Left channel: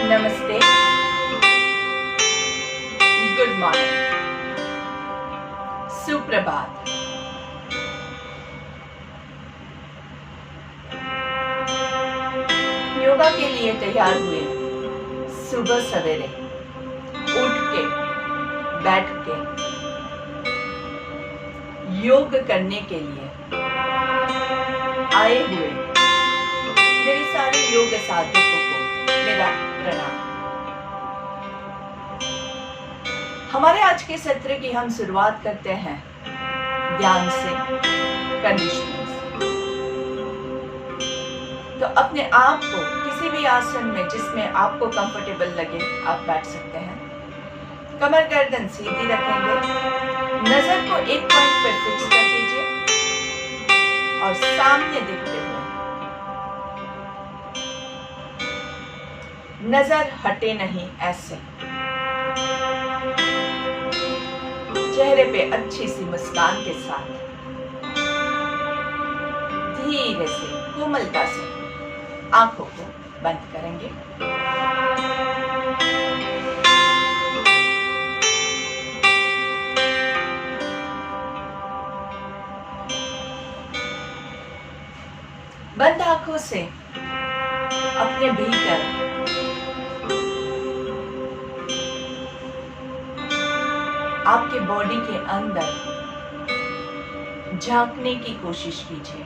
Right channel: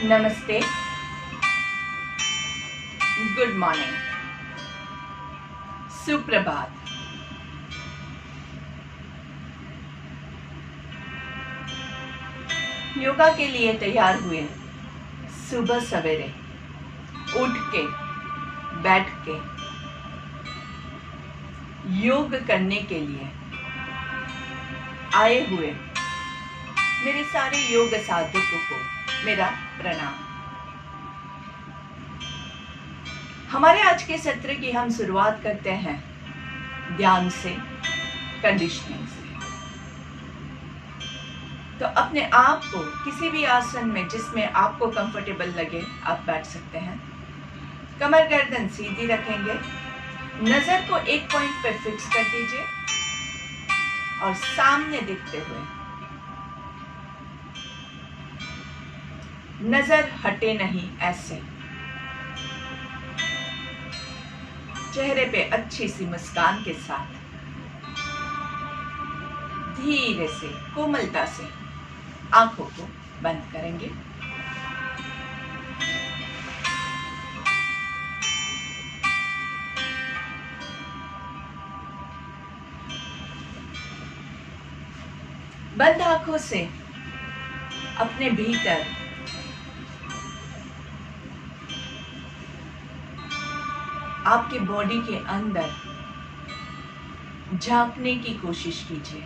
नमस्ते, good morning, सुप्रभात। योगा के लिए तैयार हुए सुबह सवेरे उठ के बैठ के योग करने के लिए आए हुए मेरे सारे योग साधकों को मेरा प्रणाम। हमारे आज के सत्र की हम शुरुआत करते हैं ध्यान से, कंडीशनिंग से। तो अपने आप को किसी भी आसन में जिसमें आपको कंफर्टेबल लगे आप बैठ सकते हैं। कमर गर्दन सीधी रखेंगे, नजर को एक पॉइंट पर फिक्स कर दीजिए और सामने देखते हुए नजर हटे नहीं, ऐसे चेहरे पे अच्छी सी मुस्कान के साथ धीरे से कोमलता से आंखों को बंद करेंगे। बंद आंखों से अपने भीतर आपके बॉडी के अंदर झांकने की कोशिश कीजिए।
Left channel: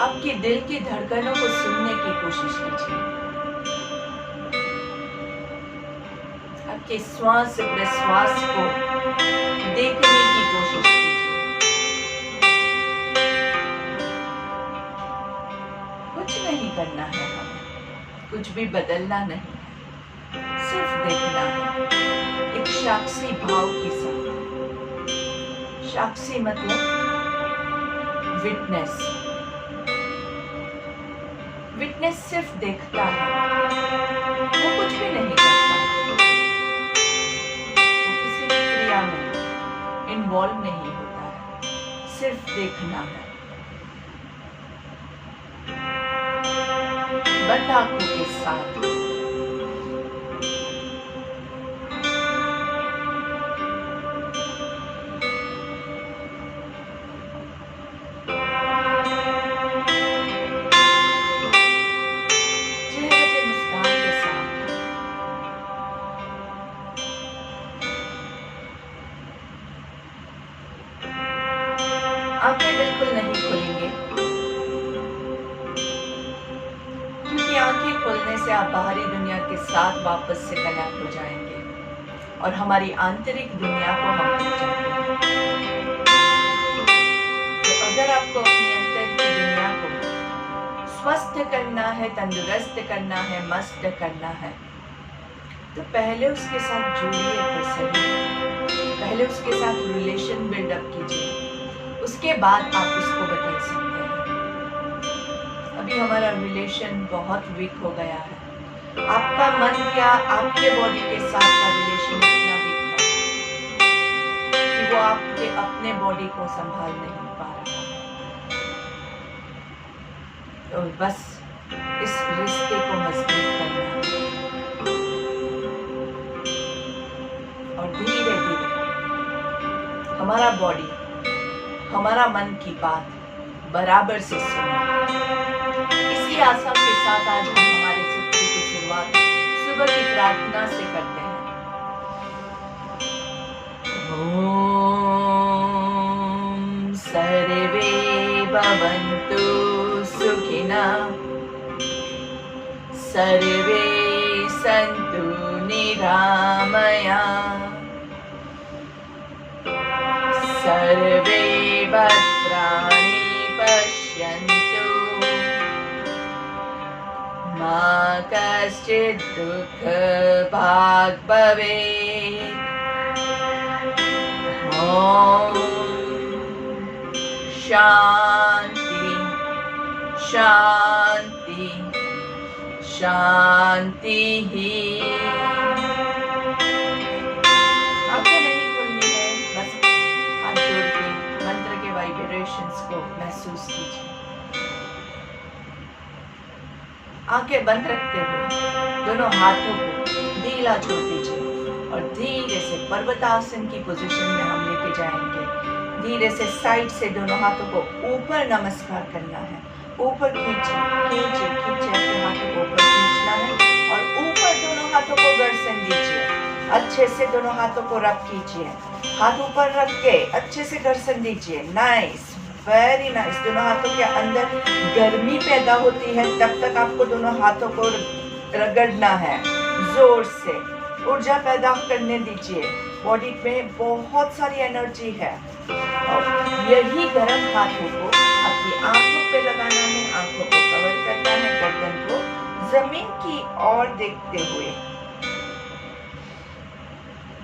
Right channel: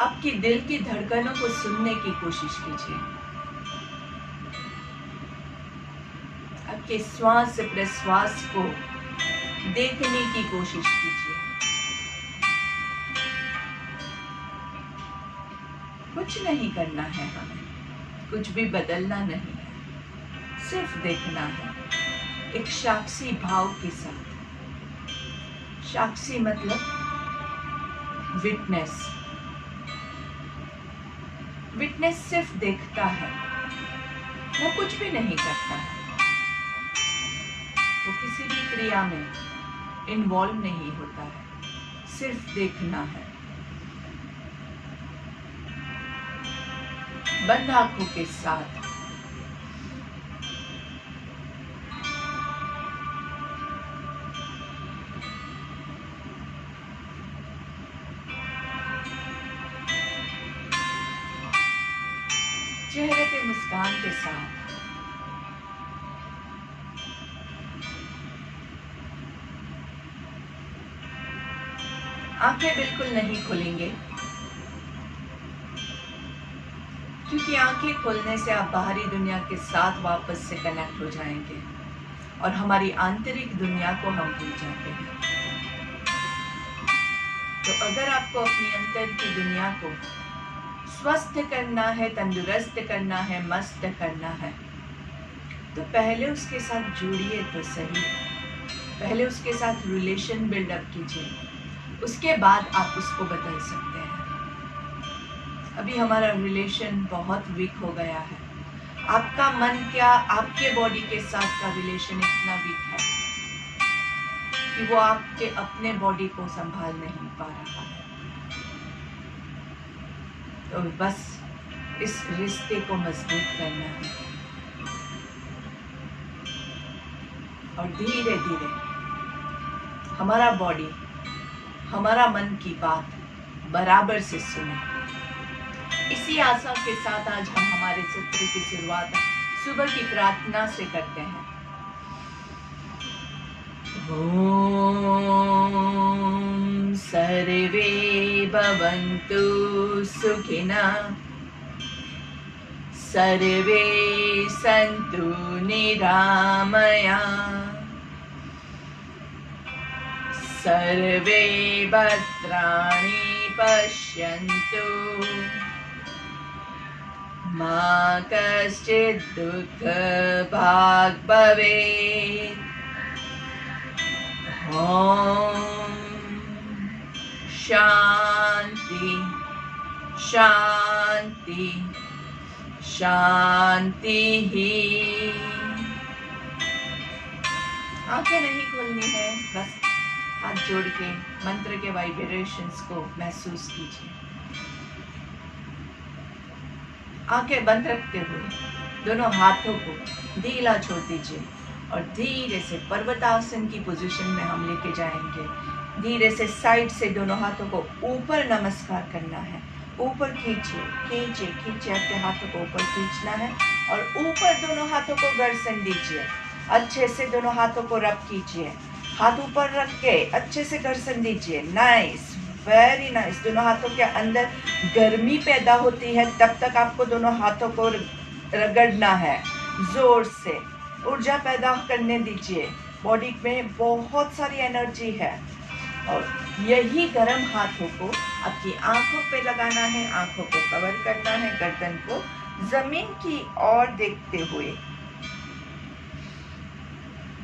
आपके दिल की धड़कनों को सुनने की कोशिश कीजिए। आपके श्वास प्रश्वास को देखने की कोशिश कीजिए। कुछ नहीं करना है, हमें कुछ भी बदलना नहीं है, सिर्फ देखना है एक साक्षी भाव के साथ। साक्षी मतलब विटनेस। विटनेस सिर्फ देखता है, वो कुछ भी नहीं करता, वो किसी भी क्रिया में इन्वॉल्व नहीं होता है, सिर्फ देखना है। बंद आंखों के साथ आंखें बिल्कुल नहीं खोलेंगे, क्योंकि आंखें खोलने से आप बाहरी दुनिया के साथ वापस से कनेक्ट हो जाएंगे और हमारी आंतरिक दुनिया को हम भूल जाते हैं। तो अगर आपको अपनी अंतर की दुनिया को स्वस्थ करना है, तंदुरुस्त करना है, मस्त करना है, तो पहले उसके साथ जुड़िए तो सही। पहले उसके साथ रिलेशन बिल्डअप कीजिए, उसके बाद आप उसको बदल सकते हैं। अभी हमारा रिलेशन बहुत वीक हो गया है। आपका मन क्या आपके बॉडी के साथ का रिलेशन इतना वीक है कि वो आपके अपने बॉडी को संभाल नहीं पा रहा है। तो बस इस रिश्ते को मजबूत करना है और धीरे धीरे हमारा बॉडी, हमारा मन की बात बराबर से सुने। इसी आशा के साथ आज हम हमारे सत्र की शुरुआत सुबह की प्रार्थना से करते हैं। ओम सर्वे भवन्तु सुखिनः, सर्वे सन्तु निरामयाः, सर्वे भद्राणि पश्यन्तु, मा कश्चित् दुःखभाग् भवेत्। ॐ शान्ति शान्ति शांति ही। आंखें नहीं खोलनी है, बस हाथ जोड़ के मंत्र के वाइब्रेशंस को महसूस कीजिए। आंखें बंद रखते हुए दोनों हाथों को ढीला छोड़ दीजिए और धीरे से पर्वतासन की पोजीशन में हम लेके जाएंगे। धीरे से साइड से दोनों हाथों को ऊपर नमस्कार करना है। ऊपर खींचिए, खींचिए, खींचिए, अपने हाथों को ऊपर खींचना है और ऊपर दोनों हाथों को घर्षण दीजिए। अच्छे से दोनों हाथों को रब कीजिए। हाथ ऊपर रख के अच्छे से घर्षण दीजिए। Nice, very nice. दोनों हाथों के अंदर गर्मी पैदा होती है, तब तक आपको दोनों हाथों को रगड़ना है जोर से। ऊर्जा पैदा करने दीजिए। बॉडी में बहुत सारी एनर्जी है और यही गर्म हाथों को आपकी आंखों पे लगाना है। आंखों को कवर करना है, गर्दन को जमीन की ओर देखते हुए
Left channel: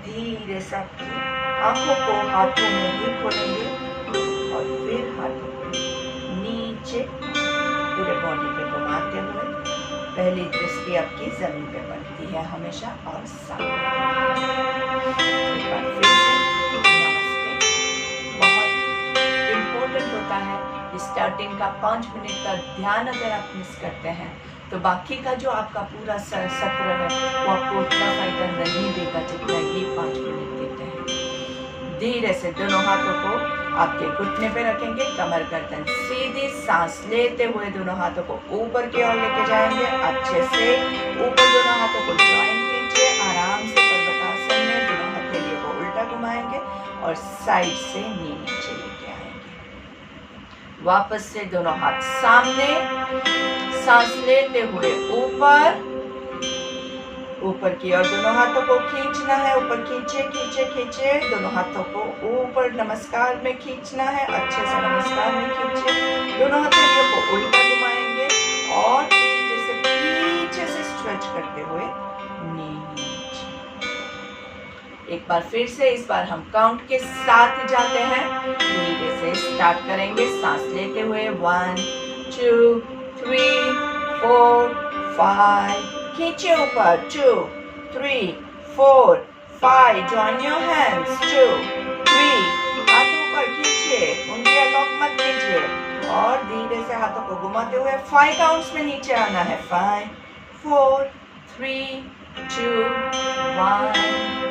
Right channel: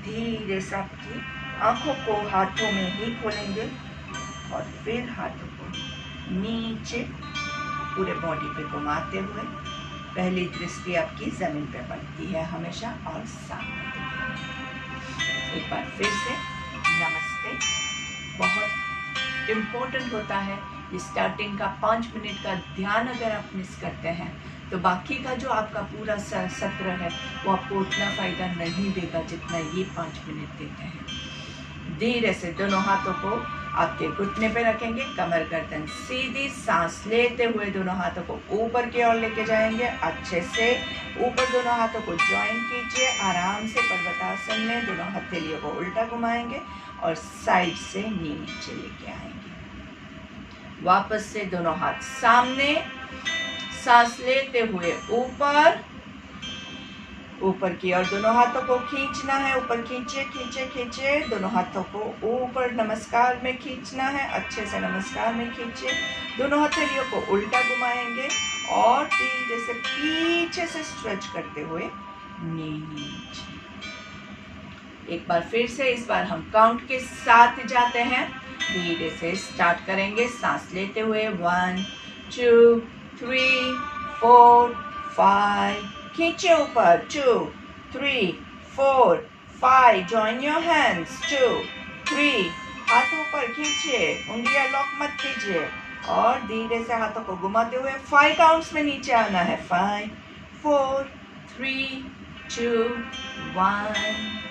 धीरे से आपकी आंखों को हाथों में ही खोलेंगे और फिर हाथों को नीचे पूरे बॉडी पे घुमाते हुए पहली दृष्टि आपकी जमीन पे पड़ती है हमेशा और सामने। एक बार फिर से नमस्ते। बहुत इम्पोर्टेंट होता है ये स्टार्टिंग का 5 मिनट का ध्यान। अगर आप मिस करते हैं तो बाकी का जो आपका पूरा सत्र है वो आपको उतना फायदा नहीं देगा जितना ये 5 मिनट देते हैं। धीरे से दोनों हाथों को आपके घुटने पे रखेंगे, कमर गर्दन सीधी। सांस लेते हुए दोनों हाथों को ऊपर की ओर लेके जाएंगे। अच्छे से ऊपर दोनों हाथों को ज्वाइन कीजिए। आराम से पर्वतासन में दोनों हथेलियों को उल्टा घुमाएंगे और साइड से नीचे लेके आएंगे। वापस से दोनों हाथ सामने। सांस लेते हुए ऊपर की ओर दोनों हाथों को खींचना है। ऊपर खींचे, खींचे, खींचे। दोनों हाथों को ऊपर नमस्कार में खींचना है। अच्छे से नमस्कार में खींचे। दोनों हथेलियों को उल्टा घुमाएंगे और धीरे से पीछे से स्ट्रेच करते हुए नीचे। एक बार फिर से, इस बार हम काउंट के साथ जाते हैं। धीरे से स्टार्ट करेंगे। सांस लेते हुए 1 2 3 4 5। खींचे ऊपर 2 3 4 5। Join your hands 2 3। हाथ ऊपर खींचिए, उंगलियां लॉक मत कीजिए और धीरे से हाथों को घुमाते हुए 5 काउंट्स में नीचे आना है। 5 4 3 2 1।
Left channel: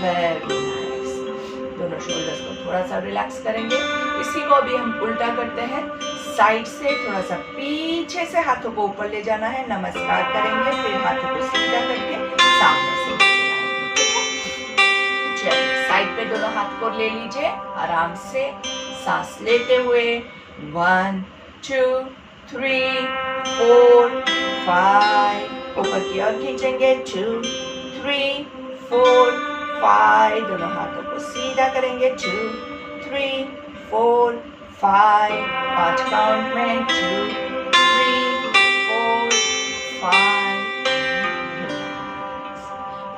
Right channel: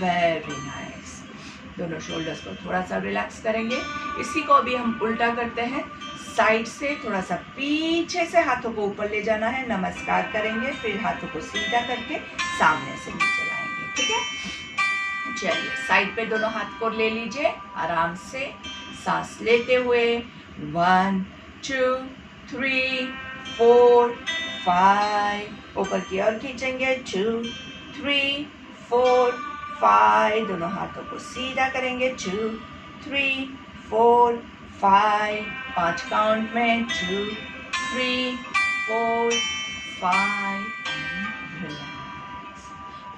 Very nice. दोनों शोल्डर्स को थोड़ा सा रिलैक्स करेंगे। इसी को अभी हम उल्टा करते हैं। साइड से थोड़ा सा पीछे से हाथों को ऊपर ले जाना है। नमस्कार करेंगे, फिर हाथों को सीधा करके सामने से नीचे लाएंगे। ठीक है, चलिए साइड पे दोनों हाथ को ले लीजिए आराम से। सांस लेते हुए 1 2 3 4 5। ऊपर की ओर खींचेंगे 2 3 4 5। दोनों हाथों को सीधा करेंगे 2 3 4 5। 5 काउंट में 2 3 4 5।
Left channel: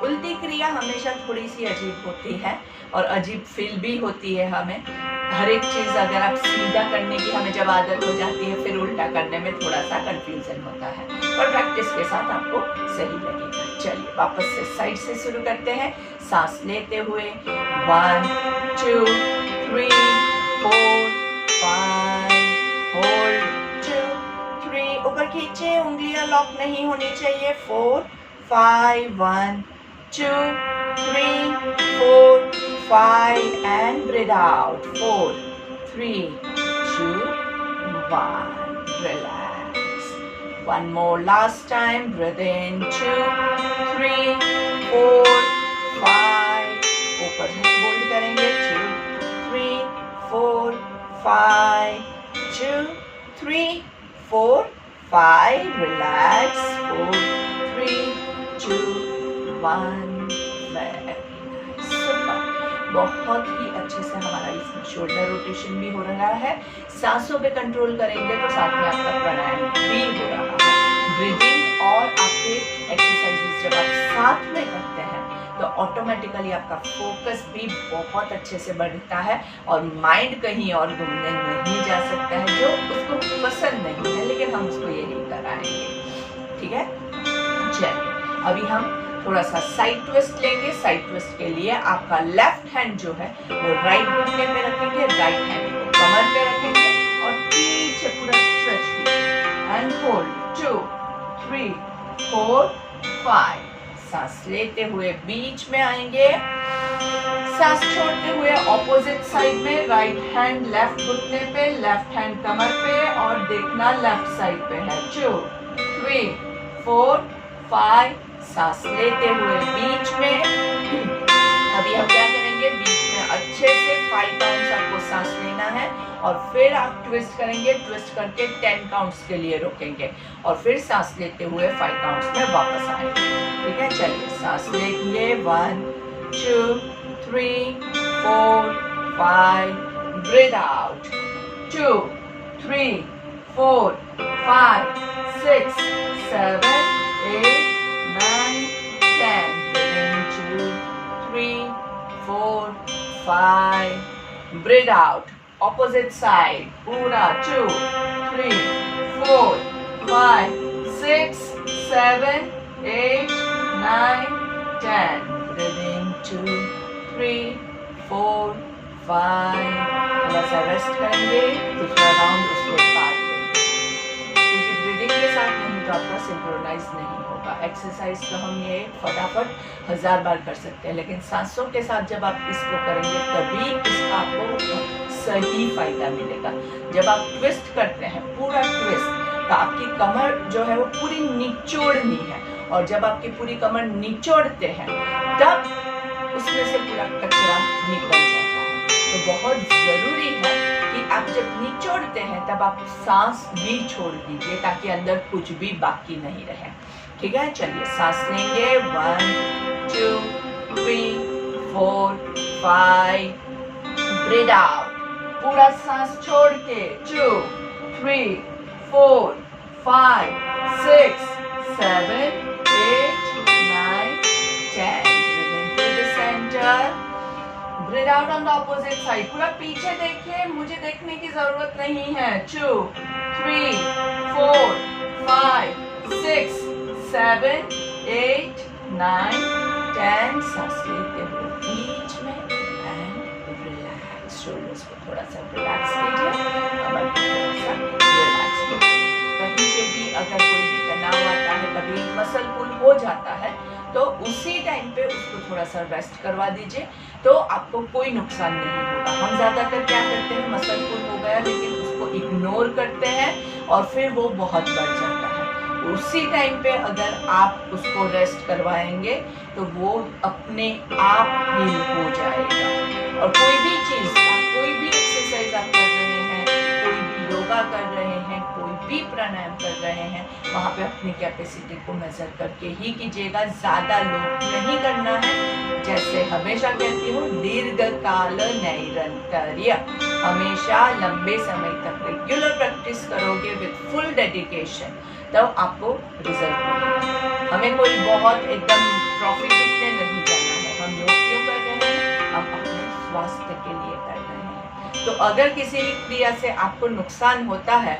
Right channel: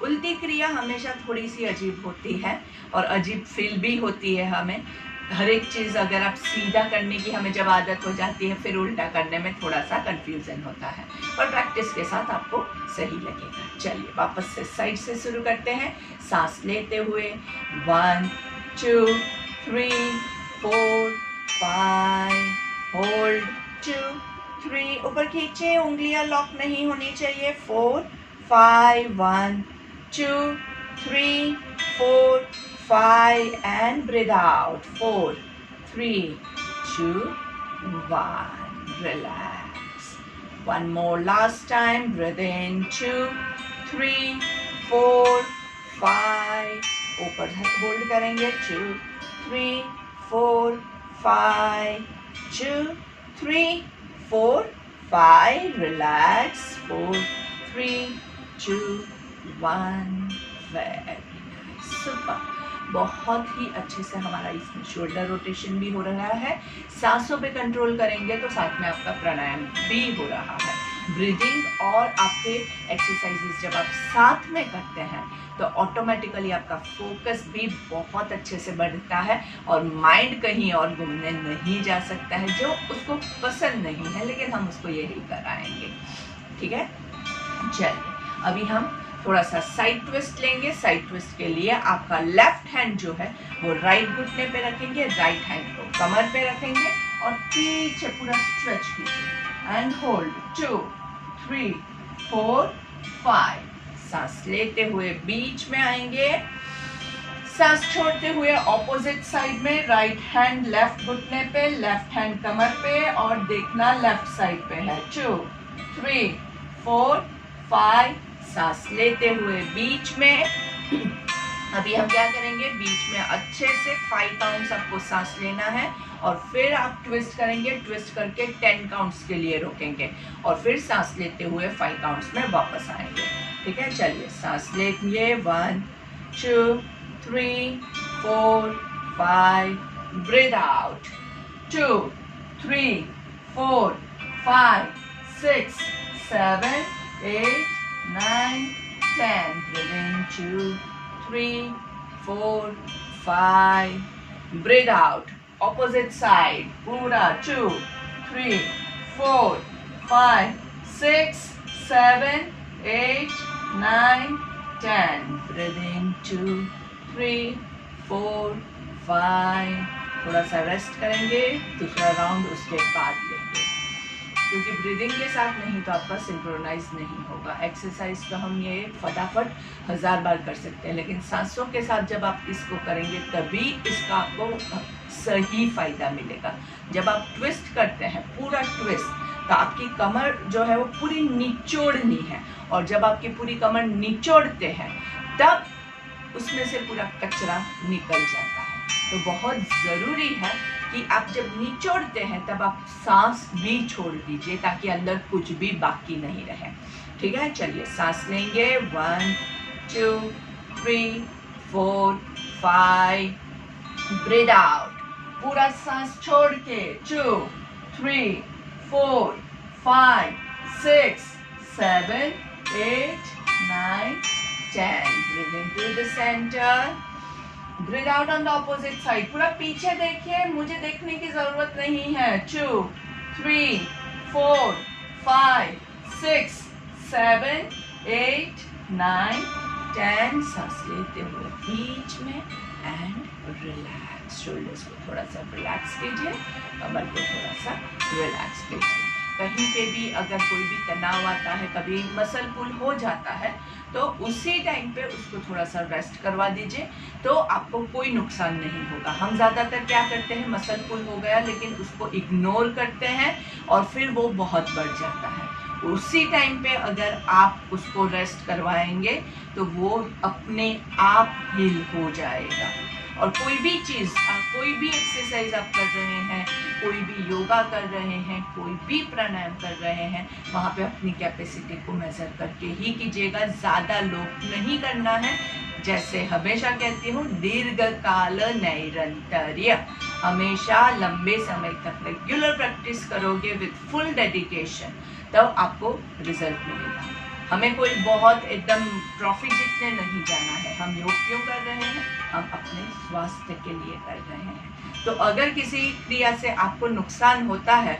उल्टी क्रिया हमेशा थोड़ी सी अजीब होती है और अजीब फील भी होती है हमें। हर एक चीज अगर आप सीधा करने की हमें जब आदत हो जाती है, फिर उल्टा करने में थोड़ा सा कंफ्यूजन होता है, पर प्रैक्टिस के साथ आपको सही लगेगा। चलिए वापस से साइड से शुरू करते हैं। सांस लेते हुए 1 2 3 4 5। होल्ड 2 3। ऊपर खींचे, उंगलियां लॉक नहीं होनी चाहिए। 4 5 1 2 3 4 5 and breathe out 4 3 2 1. Relax. One more last time. Breathe in 2 3 4 5. ऊपर होल्ड करेंगे 2 3 4 5 2 3 4 5. Relax 4 3 2 1. Very nice. Super. बहुत ही अच्छे से हमारा इसमें शोल्डर रोटेशन भी हो रहा है। सांसों पे कंट्रोल करेंगे तो साथ में आपका प्राणायाम भी हो रहा है। ब्रीदिंग और आपके एक्सरसाइजेस जब आप साथ में करते हैं तो ऑटोमेटिकली आपका फोकस भी बहुत अच्छे से बढ़ता है और माइंड कहीं और घूमने नहीं जा सकता है जो उसको पसंद नहीं है, लेकिन हम उसको यही कराएंगे। ठीक है। चलिए अभी हम थोड़ा सा साइड ट्विस्ट लेंगे। साइड ट्विस्ट के लिए आपका लेफ्ट हैंड जो है वो राइट घुटने पे रखेंगे, राइट हैंड को कमर पे रखेंगे और पीछे पूरा स्ट्रेच कीजिए एंड होल्ड 2 3 4 5। सांस लेते हुए बीच में आएंगे, सांस छोड़ते हुए ऑपोजिट साइड में, राइट हैंड लेफ्ट घुटने पे, लेफ्ट हैंड कमर पे और देखना लेफ्ट साइड पे है। 2 3 4 5। सांस लेते हुए बीच में। अभी हम क्या करेंगे, बीच में अच्छे से 5 काउंट्स आपको सांस लेना है और फिर आप ट्विस्ट करेंगे। ट्विस्ट करके 10 काउंट्स के लिए रोकेंगे और फिर सांस लेते हुए 5 काउंट्स में वापस आएंगे। ठीक है, चलिए सांस लेंगे। 1 2 3 4 5। Breathe out 2 3 4 5 6 7 8 9 10। Breathe in 2 3 4 5। Breathe out opposite side पूरा 2 3 4 5 6 7 8 9 10। Breathe in 2 3 4 5। थोड़ा सा रेस्ट करेंगे, दूसरा राउंड उसके बाद लेंगे, क्योंकि ब्रीदिंग के साथ नहीं तो आपका सिंक्रोनाइज नहीं होगा। एक्सरसाइज तो हम ये फटाफट 1000 बार कर सकते हैं, लेकिन सांसों के साथ जब आप इसको करेंगे तभी इसका आपको सही फायदा मिलेगा। जब आप ट्विस्ट करते हैं, पूरा ट्विस्ट, तो आपकी कमर जो है वो पूरी निचोड़नी है और जब आपकी पूरी कमर निचोड़ते हैं तब उसमें से पूरा कचरा निकल जाता है। तो बहुत जरूरी है कि आप जब निचोड़ते हैं तब आप सांस भी छोड़ दीजिए ताकि अंदर कुछ भी बाकी नहीं रहे। ठीक है, चलिए सांस लेंगे। 1 2 3 4 5। ब्रीथ आउट पूरा सांस छोड़ के 2 3 4 5 6 7 8 9 10। Breathe into the center. Breathe out on the opposite side. पूरा पीछे देखिए, मुझे देखने की जरूरत नहीं है। 2 3 4 5 6 7 8 9 10। सांस लेते हुए बीच में एंड रिलैक्स। शोल्डर्स को थोड़ा सा रिलैक्स कीजिए, कमर को थोड़ा सा रिलैक्स कीजिए। कहीं पे भी अगर कोई भी तनाव आता है, कभी मसल पुल हो जाता है, तो उसी टाइम पे उसको थोड़ा सा रेस्ट करवा दीजिए, तो आपको कोई नुकसान नहीं होगा। हम ज़्यादातर क्या करते हैं, मसल पुल हो गया लेकिन उसको इग्नोर करते हैं और फिर वो बहुत बढ़ जाता है। उसी टाइम पे अगर आप उसको रेस्ट करवाएंगे तो वो अपने आप हील हो जाएगा। और कोई भी चीज़, कोई भी एक्सरसाइज आप कर रहे हैं, कोई भी योगा कर रहे हैं, कोई भी प्राणायाम कर रहे हैं, वहाँ पे अपनी कैपेसिटी को मेजर करके ही कीजिएगा। ज़्यादा लोड नहीं करना है। जैसे हमेशा कहती हूँ, दीर्घकाल नैरंतर्य। हमेशा लंबे समय तक रेगुलर प्रैक्टिस करोगे विद फुल डेडिकेशन, तब आपको रिजल्ट मिलेगा। हमें कोई बहुत एकदम प्रॉफिट जितने नहीं जाना है। हम योग क्यों कर रहे हैं? हम अपने स्वास्थ्य के लिए कर रहे हैं। तो अगर किसी क्रिया से आपको नुकसान होता है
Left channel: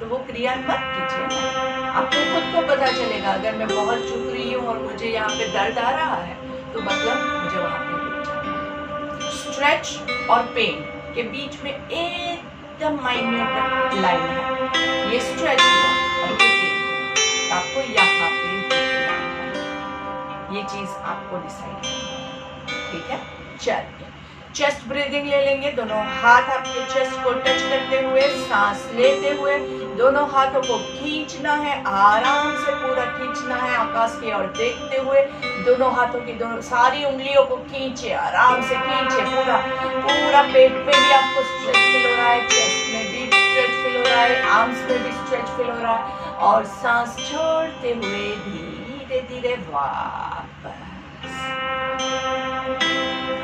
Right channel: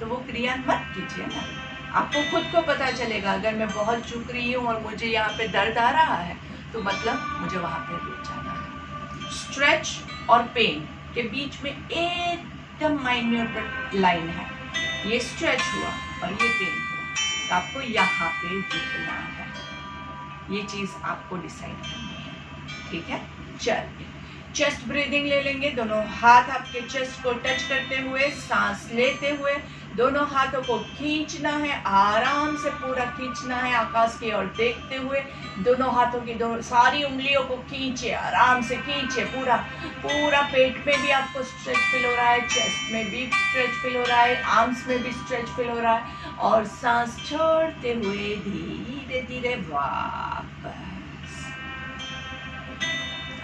तो वो क्रिया मत कीजिए ना। आपको खुद को पता चलेगा, अगर मैं बहुत चुक रही हूँ और मुझे यहाँ पे दर्द आ रहा है तो मतलब मुझे वहाँ पे रुक जाना है। स्ट्रेच और पेन के बीच में एकदम माइन्यूट लाइन है। ये स्ट्रेच हुआ और ये पेन हुआ, तो आपको यहाँ पे रुकना है। ये चीज आपको डिसाइड करनी है। ठीक है, चलिए चेस्ट ब्रीदिंग ले लेंगे। दोनों हाथ आपके चेस्ट को टच करते हुए, सांस लेते हुए दोनों हाथों को खींचना है, आराम से पूरा खींचना है, आकाश की ओर देखते हुए। दोनों हाथों की दोनों सारी उंगलियों को खींचे, आराम से खींचे। पूरा पूरा पेट में भी आपको स्ट्रेच फील हो रहा है, चेस्ट में भी स्ट्रेच फील हो रहा है, आर्म्स में भी स्ट्रेच फील हो रहा है। और सांस छोड़ते हुए धीरे धीरे वापस।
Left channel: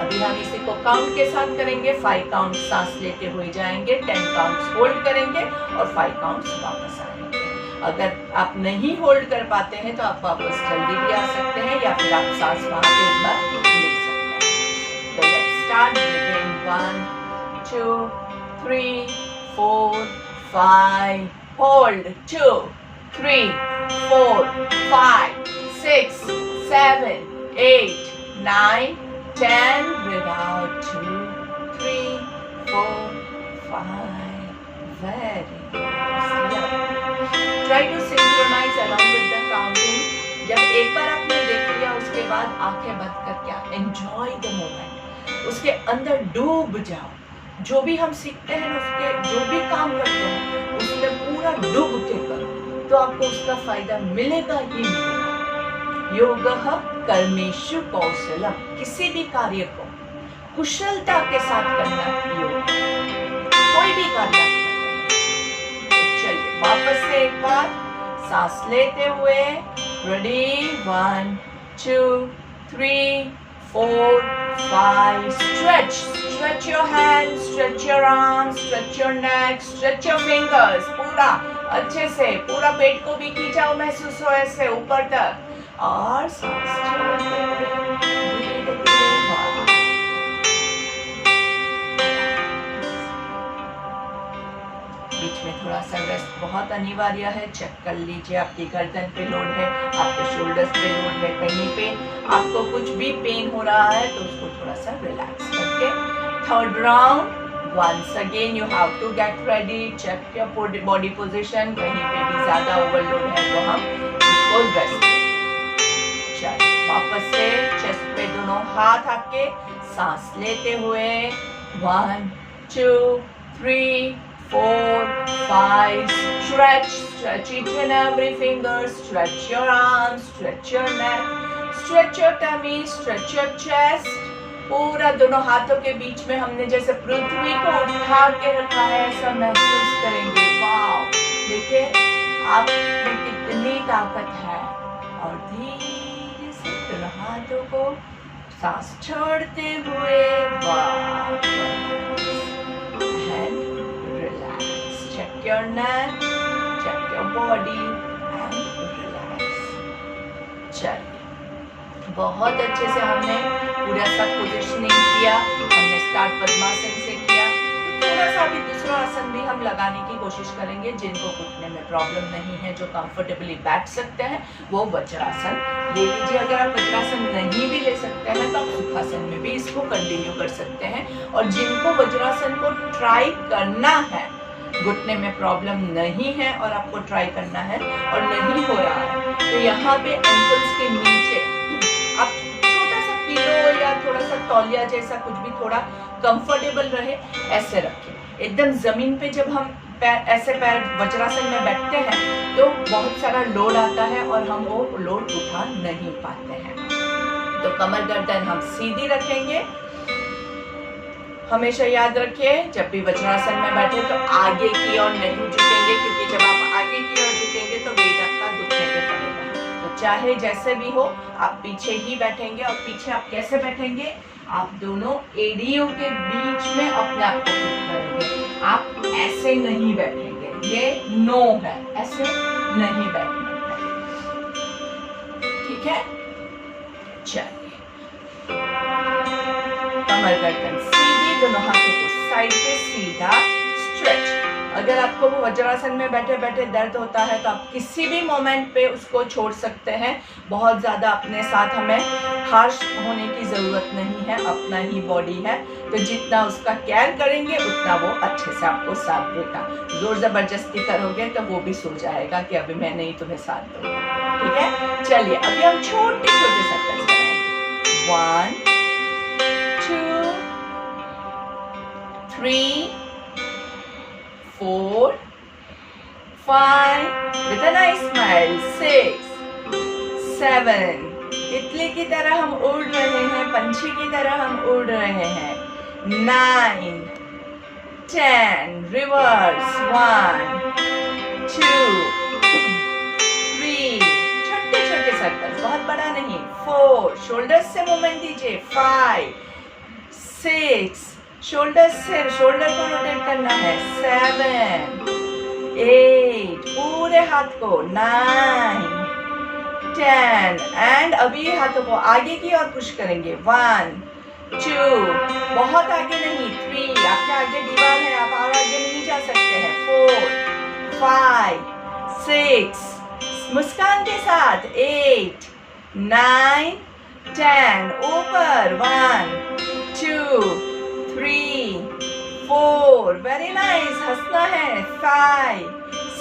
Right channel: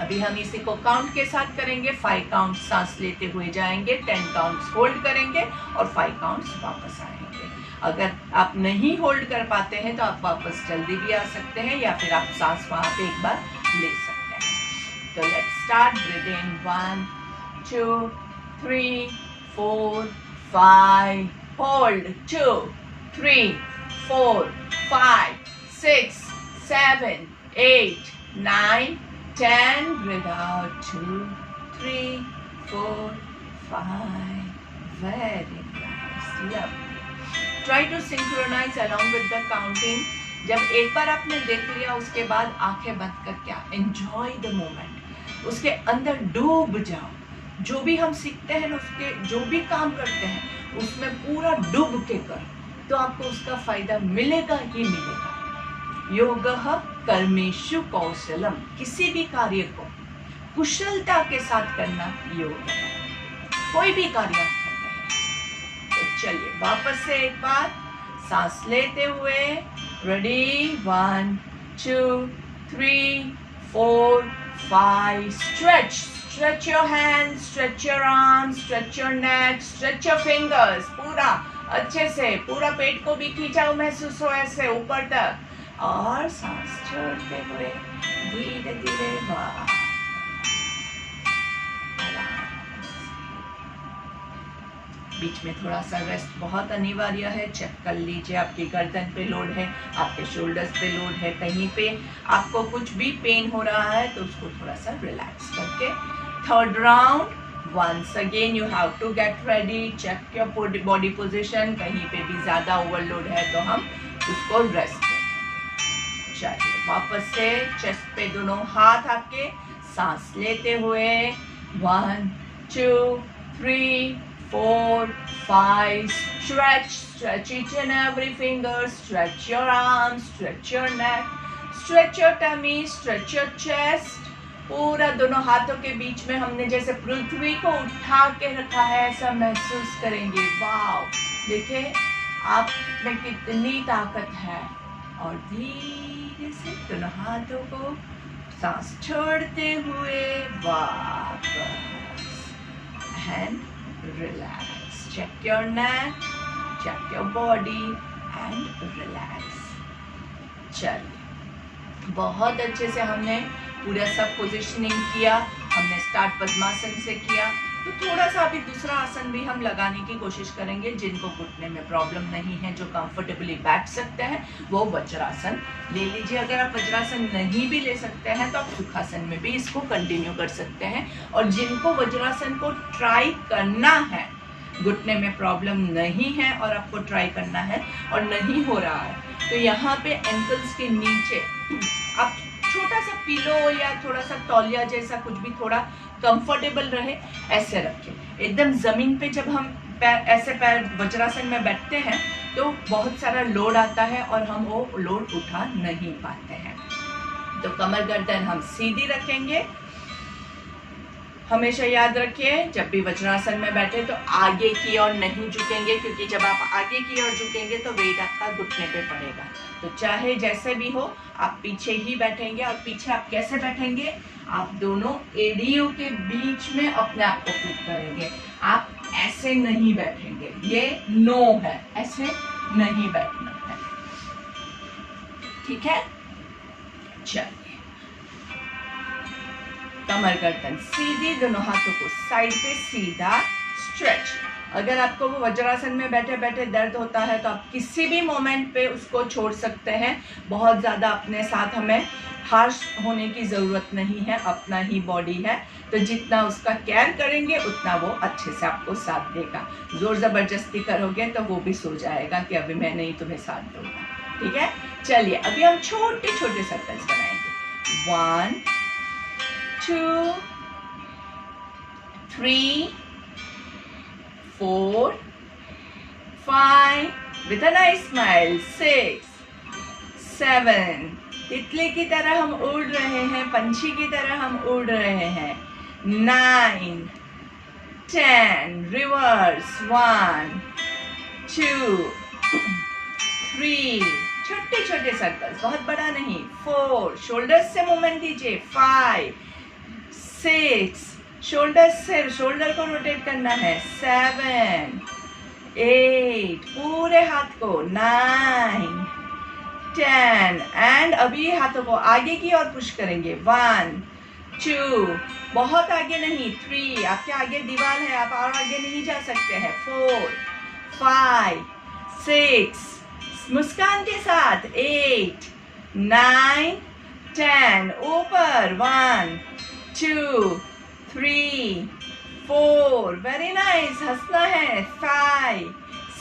अभी हम इसी को काउंट के साथ करेंगे। 5 काउंट सांस लेते हुए जाएंगे, 10 काउंट्स होल्ड करेंगे और 5 काउंट्स वापस आएंगे। अगर आप नहीं होल्ड कर पाते हैं तो आप वापस जल्दी भी आ सकते हैं या फिर आप सांस वहां पे एक बार ले सकते हैं। तो let's start. Breathing 1 2 3 4 5। Hold 2 3 4 5 6 7 8 9 10. Breathe out. 2 3 4 5. Very nice. Try to synchronize along with the counting. जब एक बार आपने देख लिया उसके बाद आंखें बंद करके एंजॉय द मोमेंट, उसके अंदर डूब जाओ। जो भी हम सीखते हैं उसके जो भी काम करते हैं उसमें पूरा डूब के करो तो आपको उसका फायदा मिलेगा ही मिलेगा। योगः कर्मेषु कौशलम, किसी भी कार्य को कुशलता के साथ करना योग, कोई भी कार्य करना। तो चलिए वापस से एक बार सांस लेते हुए, ready, 1 2 3 4 5. Stretch your hands, stretch your arms, stretch your neck, stretch your fingers. पूरा अच्छे से पूरा पेट को भी खींचाओ, महसूस हो ऐसे ऊपर तक, और सांस छोड़ते हुए धीरे धीरे बाहर। बीच में थोड़ा सा रेस्ट बहुत अनिवार्य है। चेक कर लीजिए आपकी गर्दन पे लोड है, आपके शोल्डर्स पे लोड है, कहीं पे आपको कुछ भी पेन हो रहा है तो उसको थोड़ा सा रिलैक्स करके। Third round, once again you have to get ready, check your body position, कहीं पे भी ज्यादा ओवरलोड है तो हम उसको रेस्ट करें। चलिए वापस से चेस्ट पे दोनों हाथ आपके, सांस लेते हुए, 1 2 3 4 5. Stretch each and every finger, stretch your arms, stretch your neck, stretch your tummy, stretch your chest. पूरा दोनों हाथों के बीच में हमने जैसे पृथ्वी को उठा के रखा है ऐसा महसूस करेंगे। वाव, देखिए आप में कितनी ताकत है। और धीरे से दोनों हाथों को सांस छोड़ते हुए वापस, and relax. Check your neck, check your body and relax. चलिए बहुत अच्छे से हमने पूरा सब पोजिशनिंग किया, हमने स्टार्ट पद्मासन से किया, तो थोड़ा सा अभी दूसरा आसन भी हम लगाने की कोशिश करेंगे। जिनको घुटने में प्रॉब्लम नहीं है, जो कंफर्टेबली बैठ सकते हैं, वो वज्रासन ले लीजिए। अगर आप वज्रासन नहीं भी ले सकते हैं तो आप सुखासन में भी इसको कंटिन्यू कर सकते हैं। और जिनको वज्रासन को ट्राई करना है, घुटने में प्रॉब्लम नहीं है और आपको ट्राई करना है और नहीं हो रहा है, तो यहाँ पे एंकल्स के नीचे आप छोटा सा पिलो या थोड़ा सा तौलिया जैसा कुछ भी थोड़ा कंफर्टेबल रहे ऐसे रखें। एकदम जमीन पे जब हम ऐसे पैर वज्रासन में बैठते हैं तो बहुत सारा लोड आता है और हम वो लोड उठा नहीं पाते हैं। तो कमर गर्दन हम सीधी रखेंगे। हमेशा याद रखिए जब भी वज्रासन में बैठे तो आगे की ओर नहीं झुकेंगे, क्योंकि जब आप आगे की ओर झुकेंगे तो वेट आपका घुटने पे पड़ेगा। तो चाहे जैसे भी हो आप पीछे ही बैठेंगे। और पीछे आप कैसे बैठेंगे, आप दोनों एड़ियों के बीच में अपने आप को फिट करेंगे। आप ऐसे नहीं बैठेंगे, ये नो है, ऐसे नहीं बैठना है, ठीक है। चलिए कमर गर्दन सीधी, दोनों हाथों को साइड पे सीधा स्ट्रेच। अगर आपको वज्रासन में बैठे बैठे दर्द होता है तो आप किसी भी मोमेंट पे उसको छोड़ सकते हैं। बहुत ज़्यादा अपने साथ हमें हार्श होने की ज़रूरत नहीं है, अपना ही बॉडी है, तो जितना उसका केयर करेंगे उतना वो अच्छे से आपको साथ देगा। ज़ोर ज़बरदस्ती करोगे तो वो भी सो जाएगा कि अभी मैं नहीं तुम्हें साथ दूंगा, ठीक है। चलिए अभी हम छोटे छोटे सर्कल्स बनाएंगे। 1 2 3 4 5 with a nice smile, 6 7. तितली की तरह हम उड़ रहे हैं, पंछी की तरह हम उड़ रहे हैं। 9 10 रिवर्स, 1 2 3 छोटे छोटे सर्कल्स, बहुत बड़ा नहीं। 4 शोल्डर्स से मूवमेंट दीजिए। 5 6 शोल्डर से शोल्डर को रोटेट करना है। 7 8 पूरे हाथ को। 9 10 एंड अभी हाथों को आगे की ओर पुश करेंगे। 1 2 बहुत आगे नहीं। 3 आपके आगे दीवार है, आप और आगे नहीं जा सकते हैं। 4 5 6 मुस्कान के साथ 8 9 10 ऊपर 1 2 3 4 वेरी नाइस हंसना है 5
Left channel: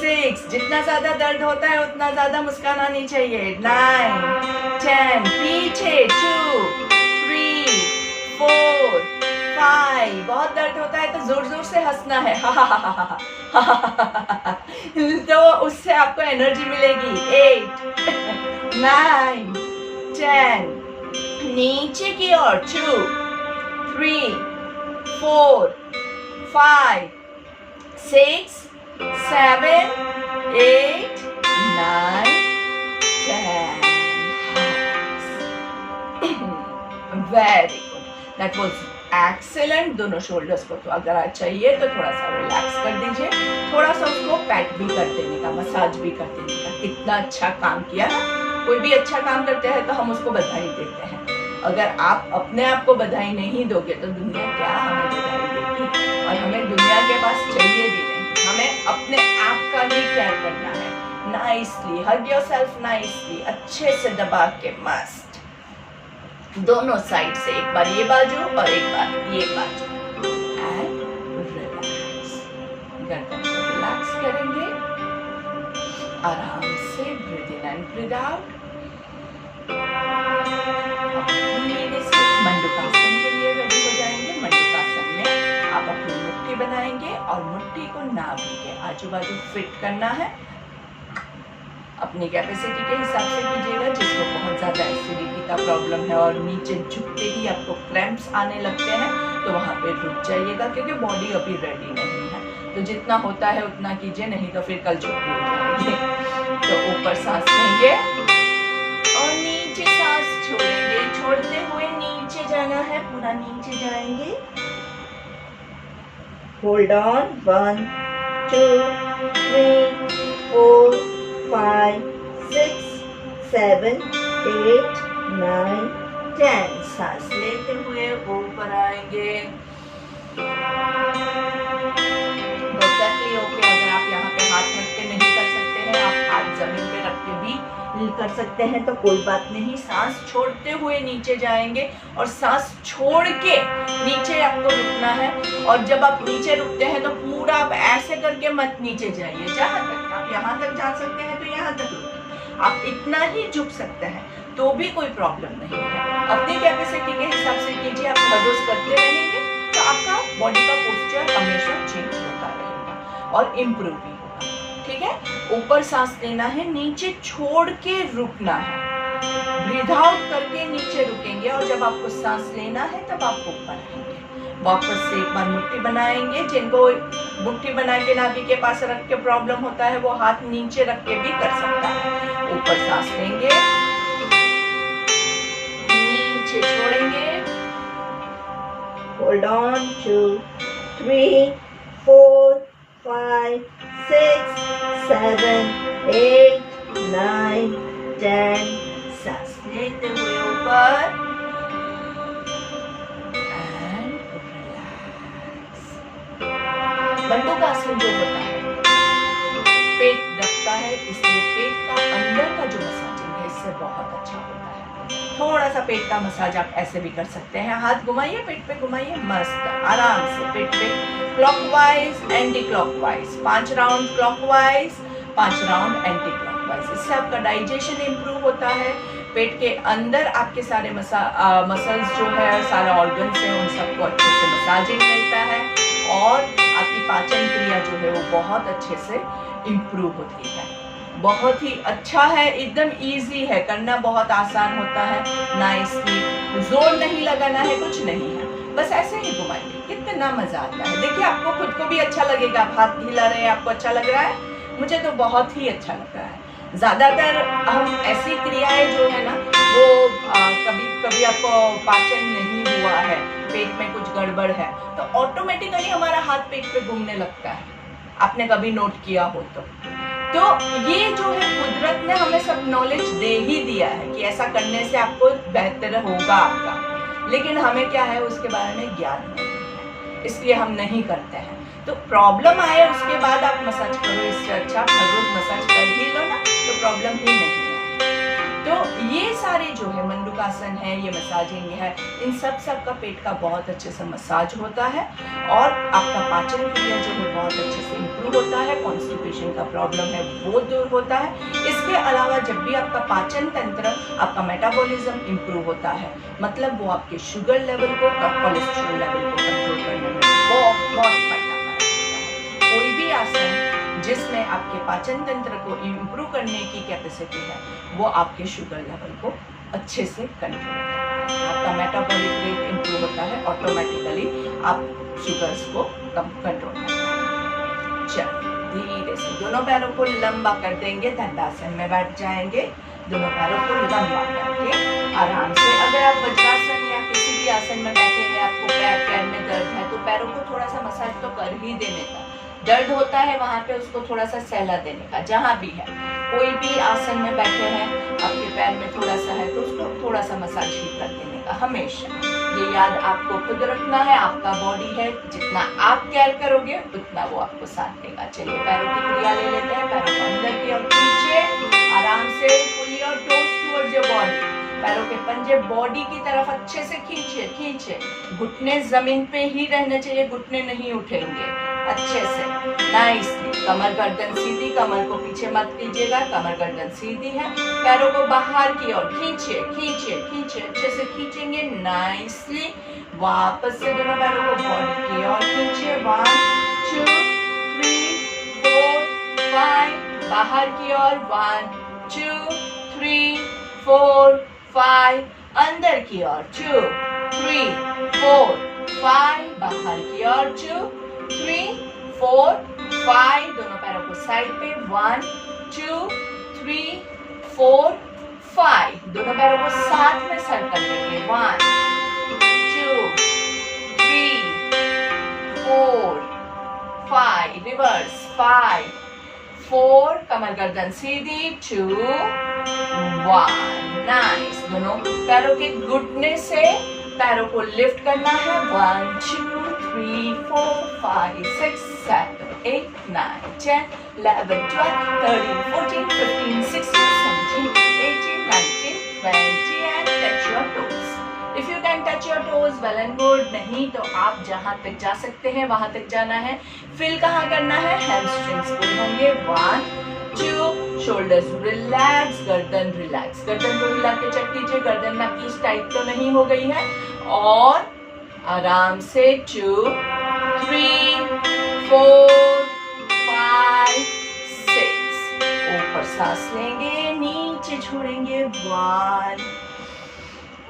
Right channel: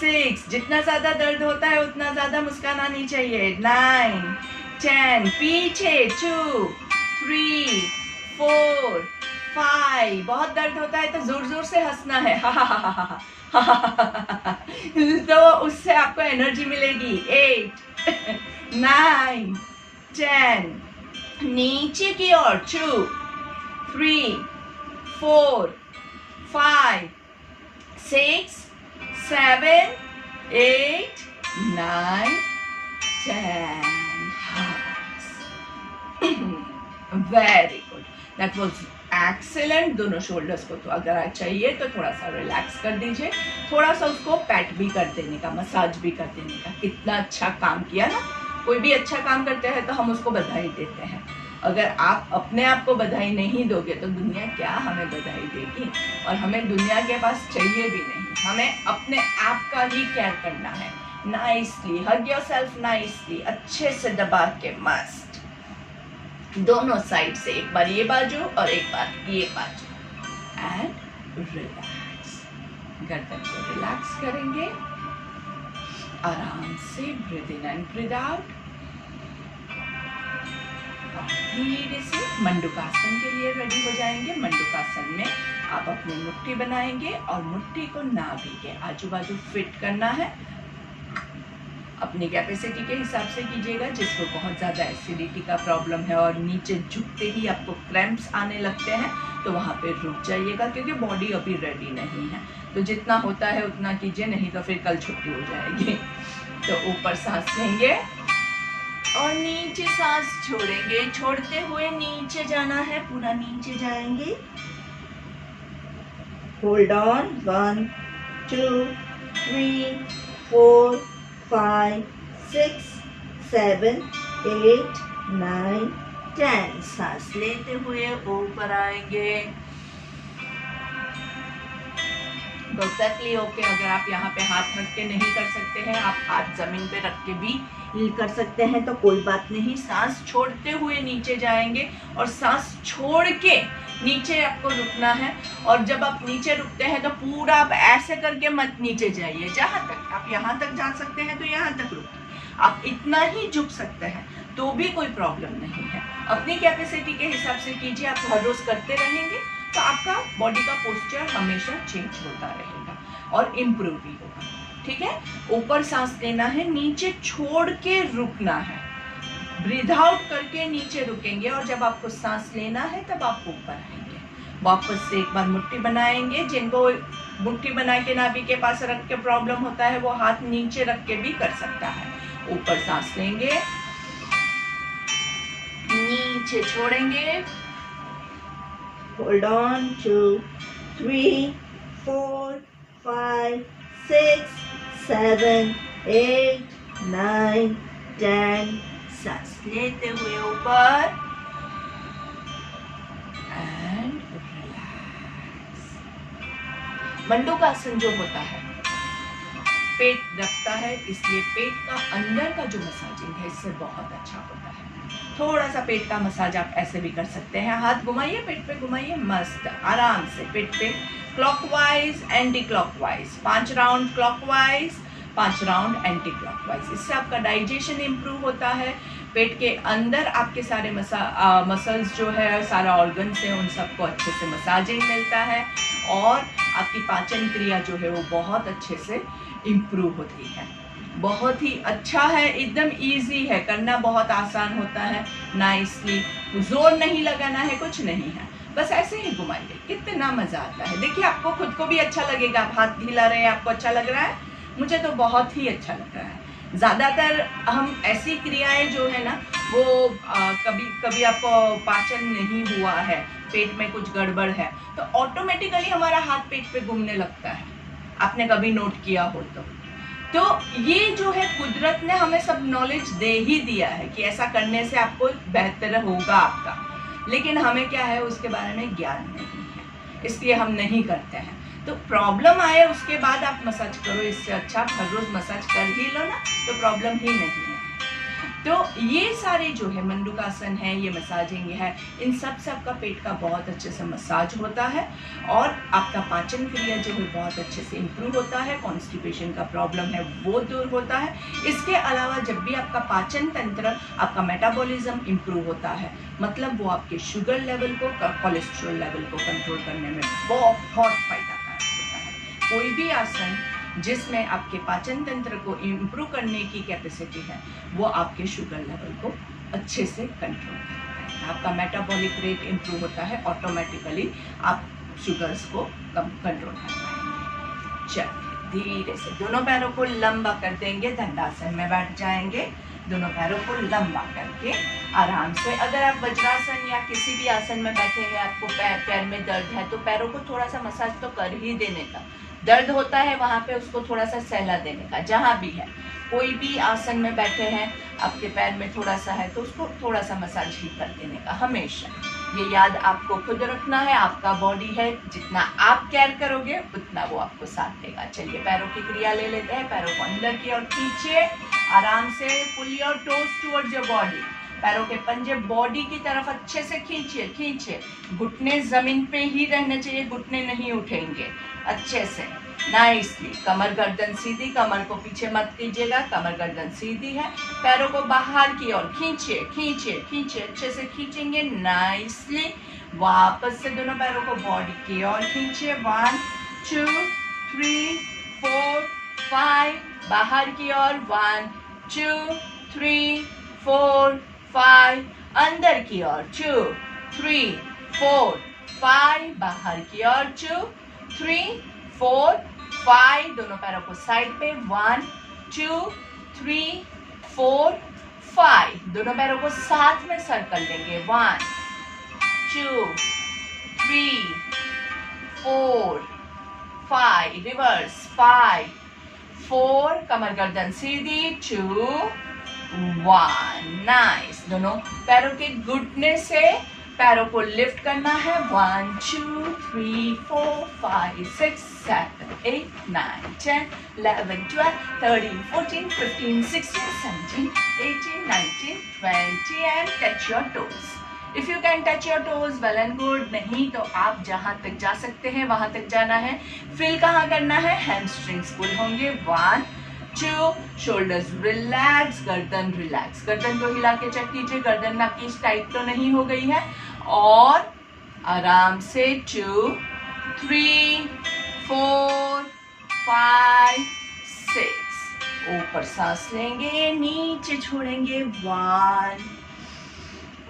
6 जितना ज्यादा दर्द होता है उतना ज्यादा मुस्कान आनी चाहिए 9 10 पीछे 2 3 4 5 बहुत दर्द होता है तो जोर जोर से हंसना है तो उससे आपको एनर्जी मिलेगी 8 9 10 नीचे की ओर 2 3 4 5 6 7 8 9 10 very good that was excellent. दोनों शोल्डर्स को तो अगर चाहिए तो थोड़ा सा रिलैक्स कर दीजिए, थोड़ा सा उसको पैट भी कर देने का, मसाज भी कर देने का। कितना अच्छा काम किया ना। कोई भी अच्छा काम करते हैं तो हम उसको बधाई देते हैं। अगर आप अपने आप को बधाई नहीं दोगे तो दुनिया क्या हमें बधाई देगी, और हमें दुनिया के पास चाहिए भी नहीं। हमें अपने आप का ही केयर करना है। नाइसली हग योरसेल्फ, नाइसली अच्छे से दबा के मस्त दोनों साइड से, एक बार ये बाजू और एक बार ये बाजू, एंड रिलैक्स। गर्दन को रिलैक्स करेंगे, आराम से breathe in and breathe out. धीरे से मंडूकासन के लिए रेडी हो जाएंगे। मंडूकासन में आप अपनी मुट्ठी बनाएंगे और मुट्ठी को नाभि के आजू बाजू फिट करना है। अपनी कैपेसिटी के हिसाब से कीजिएगा। जिसको बहुत ज़्यादा एसिडिटी का प्रॉब्लम है और नीचे झुकते ही आपको क्रैम्प्स आने लगते हैं तो वहाँ पे रुक जाइएगा, क्योंकि बॉडी अभी रेडी नहीं है। तो जितना होता है उतना कीजिए, नहीं तो फिर कल छुट्टी हो जाएगी। तो ऊपर सांस लेंगे और नीचे सांस छोड़ेंगे। छोड़ते हुए नीचे जाना है, पूरा नीचे जाएंगे। होल्ड ऑन 1 2 3 4 5 6 7 8 9 10 सांस लेते हुए ऊपर आएंगे। Perfectly okay. अगर आप यहाँ पे हाथ रख के नहीं कर सकते हैं, आप हाथ जमीन पे रख के भी कर सकते हैं तो कोई बात नहीं। सांस छोड़ते हुए नीचे जाएंगे और सांस छोड़ के नीचे आपको रुकना है। और जब आप नीचे रुकते हैं तो पूरा आप ऐसे करके मत नीचे जाइए। जहां तक आप यहाँ तक जा सकते हैं तो यहाँ तक रुकिए। आप इतना ही झुक सकते हैं तो भी कोई प्रॉब्लम नहीं है। अपनी कैपेसिटी के हिसाब से कीजिए। आप हर रोज करते रहेंगे तो आपका बॉडी का पोस्चर हमेशा चेंज होता रहेगा और इम्प्रूव भी होगा। ठीक है। ऊपर सांस लेना है, नीचे छोड़ के रुकना है। ब्रीथ आउट करके नीचे रुकेंगे और जब आपको सांस लेना है तब आप ऊपर आएंगे। वापस से एक बार मुट्ठी बनाएंगे। जिनको मुट्ठी बना के नाभि के पास रख के प्रॉब्लम होता है वो हाथ नीचे रख के भी कर सकता है। ऊपर सांस लेंगे, नीचे छोड़ेंगे। होल्ड ऑन 2 3 4 5 6 7 8 9 10 सांस लेते हुए ऊपर एंड रिलैक्स। मंडूकासन जो होता है, पेट दबता है, इसलिए पेट का अंदर का जो मसाजिंग है इससे बहुत अच्छा होता है। थोड़ा सा पेट का मसाज आप ऐसे भी कर सकते हैं। हाथ घुमाइए, पेट पे घुमाइए, मस्त आराम से पेट पे clockwise anti clockwise 5 round clockwise 5 round anti clockwise. इससे आपका डाइजेशन इंप्रूव होता है। पेट के अंदर आपके सारे मसल्स जो है, सारे ऑर्गन्स हैं, उन सबको अच्छे से मसाजिंग मिलता है और आपकी पाचन क्रिया जो है वो बहुत अच्छे से इंप्रूव होती है। बहुत ही अच्छा है, एकदम इजी है, करना बहुत आसान होता है। नाइसली जोर नहीं लगाना है, कुछ नहीं है, बस ऐसे ही घुमाइए। कितना मजा आता है। देखिए आपको खुद को भी अच्छा लगेगा। आप हाथ हिला रहे हैं, आपको अच्छा लग रहा है। मुझे तो बहुत ही अच्छा लग रहा है। ज़्यादातर हम ऐसी क्रियाएं जो है ना वो कभी कभी आपको पाचन नहीं हुआ है, पेट में कुछ गड़बड़ है, तो ऑटोमेटिकली हमारा हाथ पेट पे घूमने लगता है। आपने कभी नोट किया हो तो ये जो है कुदरत ने हमें सब नॉलेज दे ही दिया है कि ऐसा करने से आपको बेहतर होगा आपका, लेकिन हमें क्या है उसके बारे में ज्ञान नहीं है, इसलिए हम नहीं करते हैं। तो प्रॉब्लम आए उसके बाद आप मसाज करो, इससे अच्छा आप हर रोज मसाज कर ही लो ना, तो प्रॉब्लम ही नहीं है। तो ये सारे जो है मंडूकासन है, ये मसाजिंग है, इन सब से आपका पेट का बहुत अच्छे से मसाज होता है और आपका पाचन क्रिया जो है बहुत अच्छे से इम्प्रूव होता है, कॉन्स्टिपेशन का प्रॉब्लम है वो दूर होता है। इसके अलावा जब भी आपका पाचन तंत्र, आपका मेटाबॉलिज्म इम्प्रूव होता है, मतलब वो आपके शुगर लेवल को, कोलेस्ट्रॉल लेवल को कंट्रोल करने में बहुत फायदाकारक होता है। कोई भी आसन जिसमें आपके पाचन तंत्र को इम्प्रूव करने की कैपेसिटी है, वो आपके शुगर लेवल को अच्छे से कंट्रोल करता है। आपका मेटाबॉलिक रेट इम्प्रूव होता है, ऑटोमेटिकली आप शुगर्स को कम कंट्रोल करते हैं। चलिए धीरे से दोनों पैरों को लंबा कर देंगे, दंडासन में बैठ जाएंगे। दोनों पैरों को लंबा करके आराम से, अगर आप वज्रासन या किसी भी आसन में बैठे हैं, आपको पैर में दर्द है, तो पैरों को थोड़ा सा मसाज तो कर ही देने का। दर्द होता है वहां पे उसको थोड़ा सा सहला देने का। जहां भी है, कोई भी आसन में बैठे हैं, आपके पैर में थोड़ा सा है तो उसको थोड़ा सा मसाज ही कर देने का। हमेशा ये याद आपको खुद रखना है, आपका बॉडी है, जितना आप केयर करोगे उतना वो आपको साथ देगा। चलिए पैरों की क्रिया ले लेते हैं। पैरों को अंदर की ओर खींचे, आराम से pull your toes towards your body. पैरों के पंजे बॉडी की तरफ अच्छे से खींचिए, खींचे। घुटने जमीन पे ही रहने चाहिए, घुटने नहीं उठेंगे, अच्छे से नाइसली। कमर गर्दन सीधी, कमर को पीछे मत कीजिएगा, कमर गर्दन सीधी है। पैरों को बाहर की ओर खींचिए, खींचिए, खींचिए, अच्छे से खींचेंगे नाइसली। वापस से दोनों पैरों को बॉडी की ओर खींचिए। 1 2 3 4 5, बाहर की ओर 1 2 3 4 5, अंदर की ओर 2 3 4 5, बाहर की ओर 2 3 4 5, दोनों पैरों को साइड पे 1 2 3 4 5, दोनों पैरों को साथ में सर्कल लेंगे 1 2 3 4 5, रिवर्स 5 4, कमर गर्दन सीधी 2 1, नाइस। दोनों पैरों के घुटने से पैरों को लिफ्ट करना है 1 2 3 4 5 6 7 8 9 10 11 12 13 14 15 16 17 18 19 20 and touch your toes. If you can touch your toes, well and good. नहीं तो आप जहां तक जा सकते हैं वहां तक जाना है। फिल कहाँ करना है? हैमस्ट्रिंग्स पुल होंगे 1 2, शोल्डर्स रिलैक्स, गर्दन रिलैक्स। गर्दन को हिला के चेक कीजिए, गर्दन में आपकी टाइट तो नहीं हो गई है। और आराम से 2 3 4 5 6, ऊपर सांस लेंगे, नीचे छोड़ेंगे 1,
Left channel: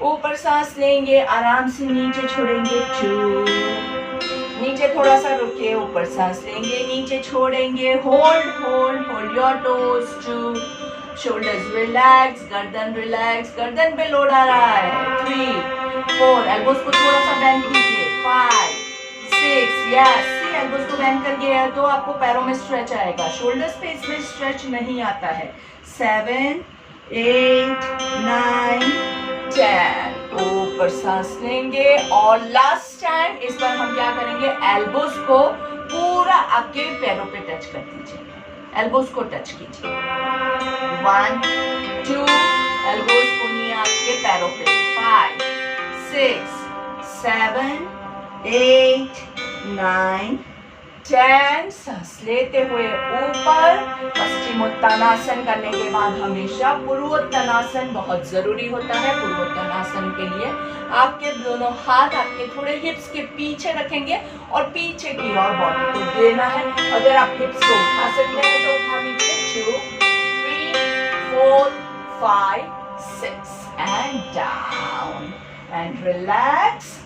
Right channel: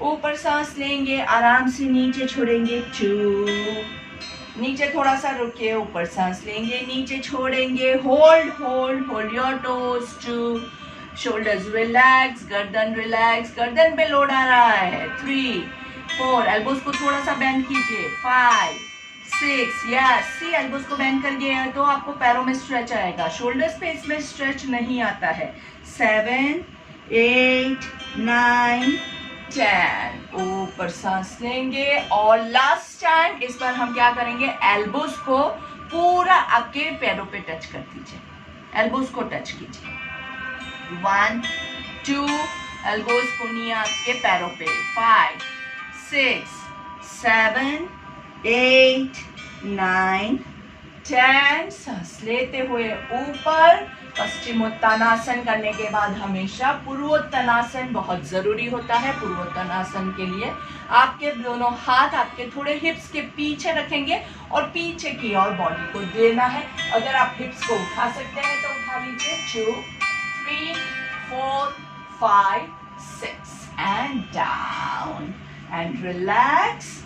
ऊपर सांस लेंगे, आराम से नीचे छोड़ेंगे 2, नीचे थोड़ा सा रुके, ऊपर सांस लेंगे, नीचे छोड़ेंगे, hold hold hold your toes 2, shoulders relax, गर्दन रिलैक्स, गर्दन पे लोड आ रहा है 3 4, एल्बोज को थोड़ा सा बेंड कीजिए 5 6, यस, सी एल्बोज को बेंड कर गया तो आपको पैरों में स्ट्रेच आएगा, शोल्डर्स पे इसमें स्ट्रेच नहीं आता है 7 8 9 10, ऊपर सांस लेंगे। और लास्ट टाइम इस बार हम क्या करेंगे, एल्बोज को पूरा आपके पैरों पे टच कर दीजिए, एल्बोज को टच कीजिए 1 2, एल्बोज को नहीं आपके पैरों पे 5 6 7 8 9 10, सांस लेते हुए ऊपर। पश्चिमोत्तानासन करने के बाद हमेशा पूर्वोत्तानासन बहुत जरूरी होता है। पूर्वोत्तानासन के लिए आपके दोनों हाथ आपके थोड़े हिप्स के पीछे रखेंगे और पीछे की ओर बॉडी को देना है। अगर आप हिप्स को उठा सकते हैं तो उठा लीजिए 2 3 4 5 6 and down and relax.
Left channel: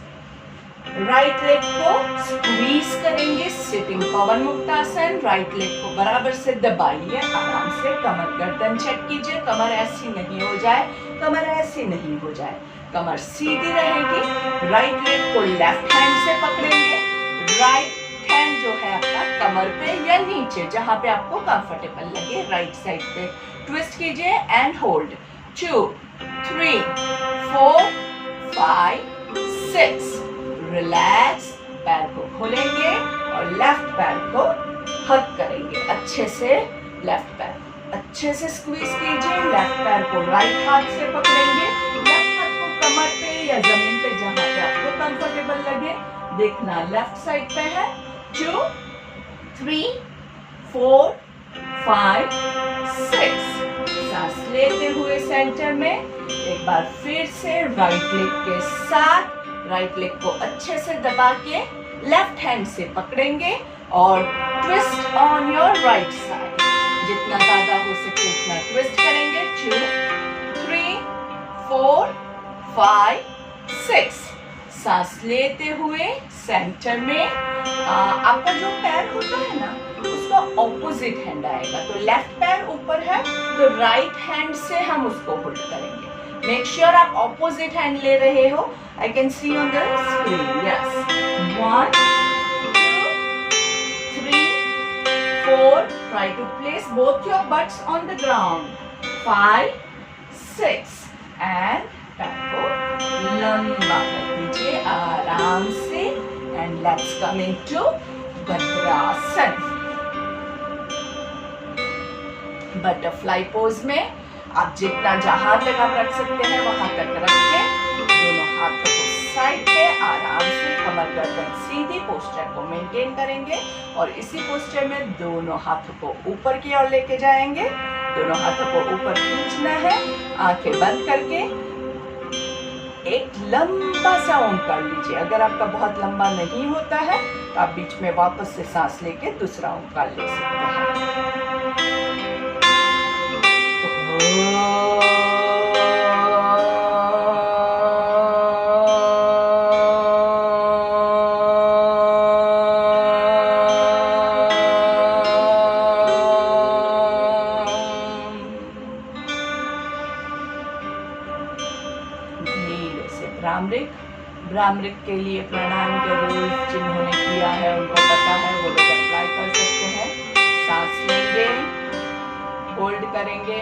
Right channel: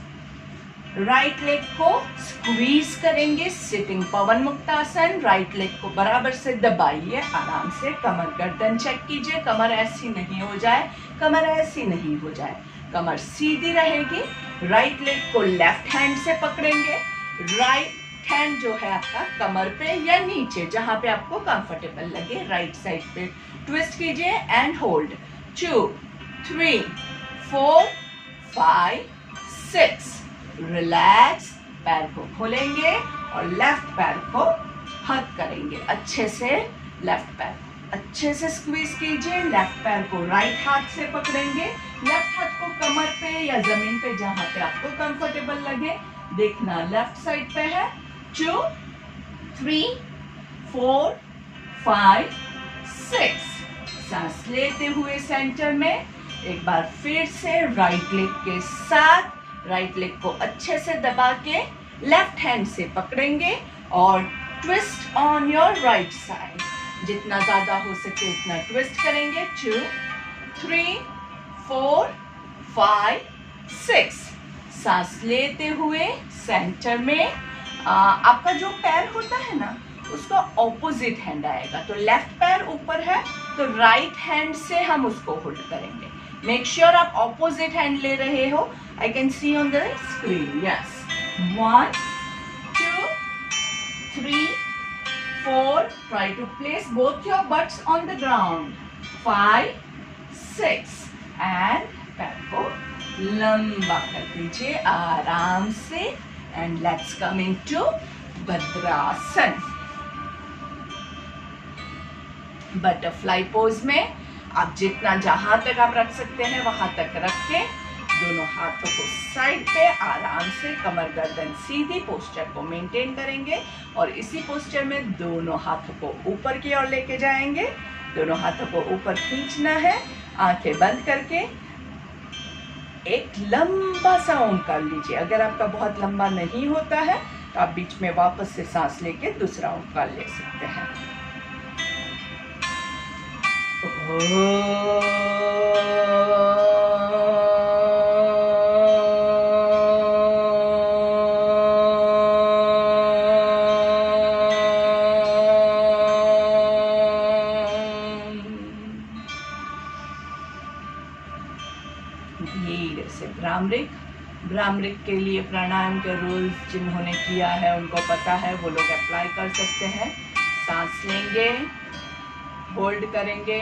Right leg को स्क्वीज करेंगे, सिटिंग पवन मुक्तासन। राइट लेग को बराबर से दबाइए, आराम से कमर गर्दन चेक कीजिए, कमर ऐसी नहीं हो जाए, कमर ऐसी नहीं हो जाए, कमर सीधी रहेगी। राइट लेग को लेफ्ट हैंड से पकड़ेंगे, राइट हैंड जो है आपका कमर पे या नीचे जहां पे आपको कंफर्टेबल लगे राइट साइड पे ट्विस्ट कीजिए एंड होल्ड 2 3 4 5 6, रिलैक्स। पैर को खोलेंगे और लेफ्ट पैर को हक करेंगे अच्छे से। लेफ्ट पैर अच्छे से स्क्वीज कीजिए। लेफ्ट पैर को राइट हाथ से पकड़ेंगे। लेफ्ट हाथ को कमर पे या जमीन पे जहां पे आपको कंफर्टेबल लगे। देखना लेफ्ट साइड पे है। 2 3 4 5 6। सांस लेते हुए सेंटर में एक बार फिर से राइट लेग के साथ राइट लेग को अच्छे से दबा के लेफ्ट हैंड से पकड़ेंगे और twist on your right side. जितना ज्यादा हो सके उतना ट्विस्ट करेंगे। 2 3 4 5 6। सांस लेते हुए सेंटर में आपका जो पैर होता है ना उसका ऑपोजिट हैंड आएगा। तो लेफ्ट पैर ऊपर है तो राइट हैंड से हम उसको होल्ड करेंगे। मेक श्योर आप ऑपोजिट हैंड ले रहे हो। I can see on the screen. Yes 1 2 3 4। Try to place both your butts on the ground. 5 6 and पैर को लंबा कर दीजिए आराम से। And let's come into भद्रासन। Butterfly pose में आप जितना जहां तक आप रख सकते हैं वहां तक रख के दोनों हाथों को साइड पे आराम से कमर गर्दन सीधी पोस्चर को मेंटेन करेंगे। और इसी पोस्चर में दोनों हाथों को ऊपर की ओर लेके जाएंगे। दोनों हाथों को ऊपर खींचना है। आंखें बंद करके एक लंबा सा ओम कर लीजिए। अगर आपका बहुत लंबा नहीं होता है तो आप बीच में वापस से सांस लेके दूसरा ओम कर ले सकते हैं। धीरे से भ्रामरिक। भ्रामरिक के लिए प्राणायाम के रूल्स जिन्होंने किया है उनको पता है, वो लोग अप्लाई कर सकते हैं। सांस लेंगे, होल्ड करेंगे,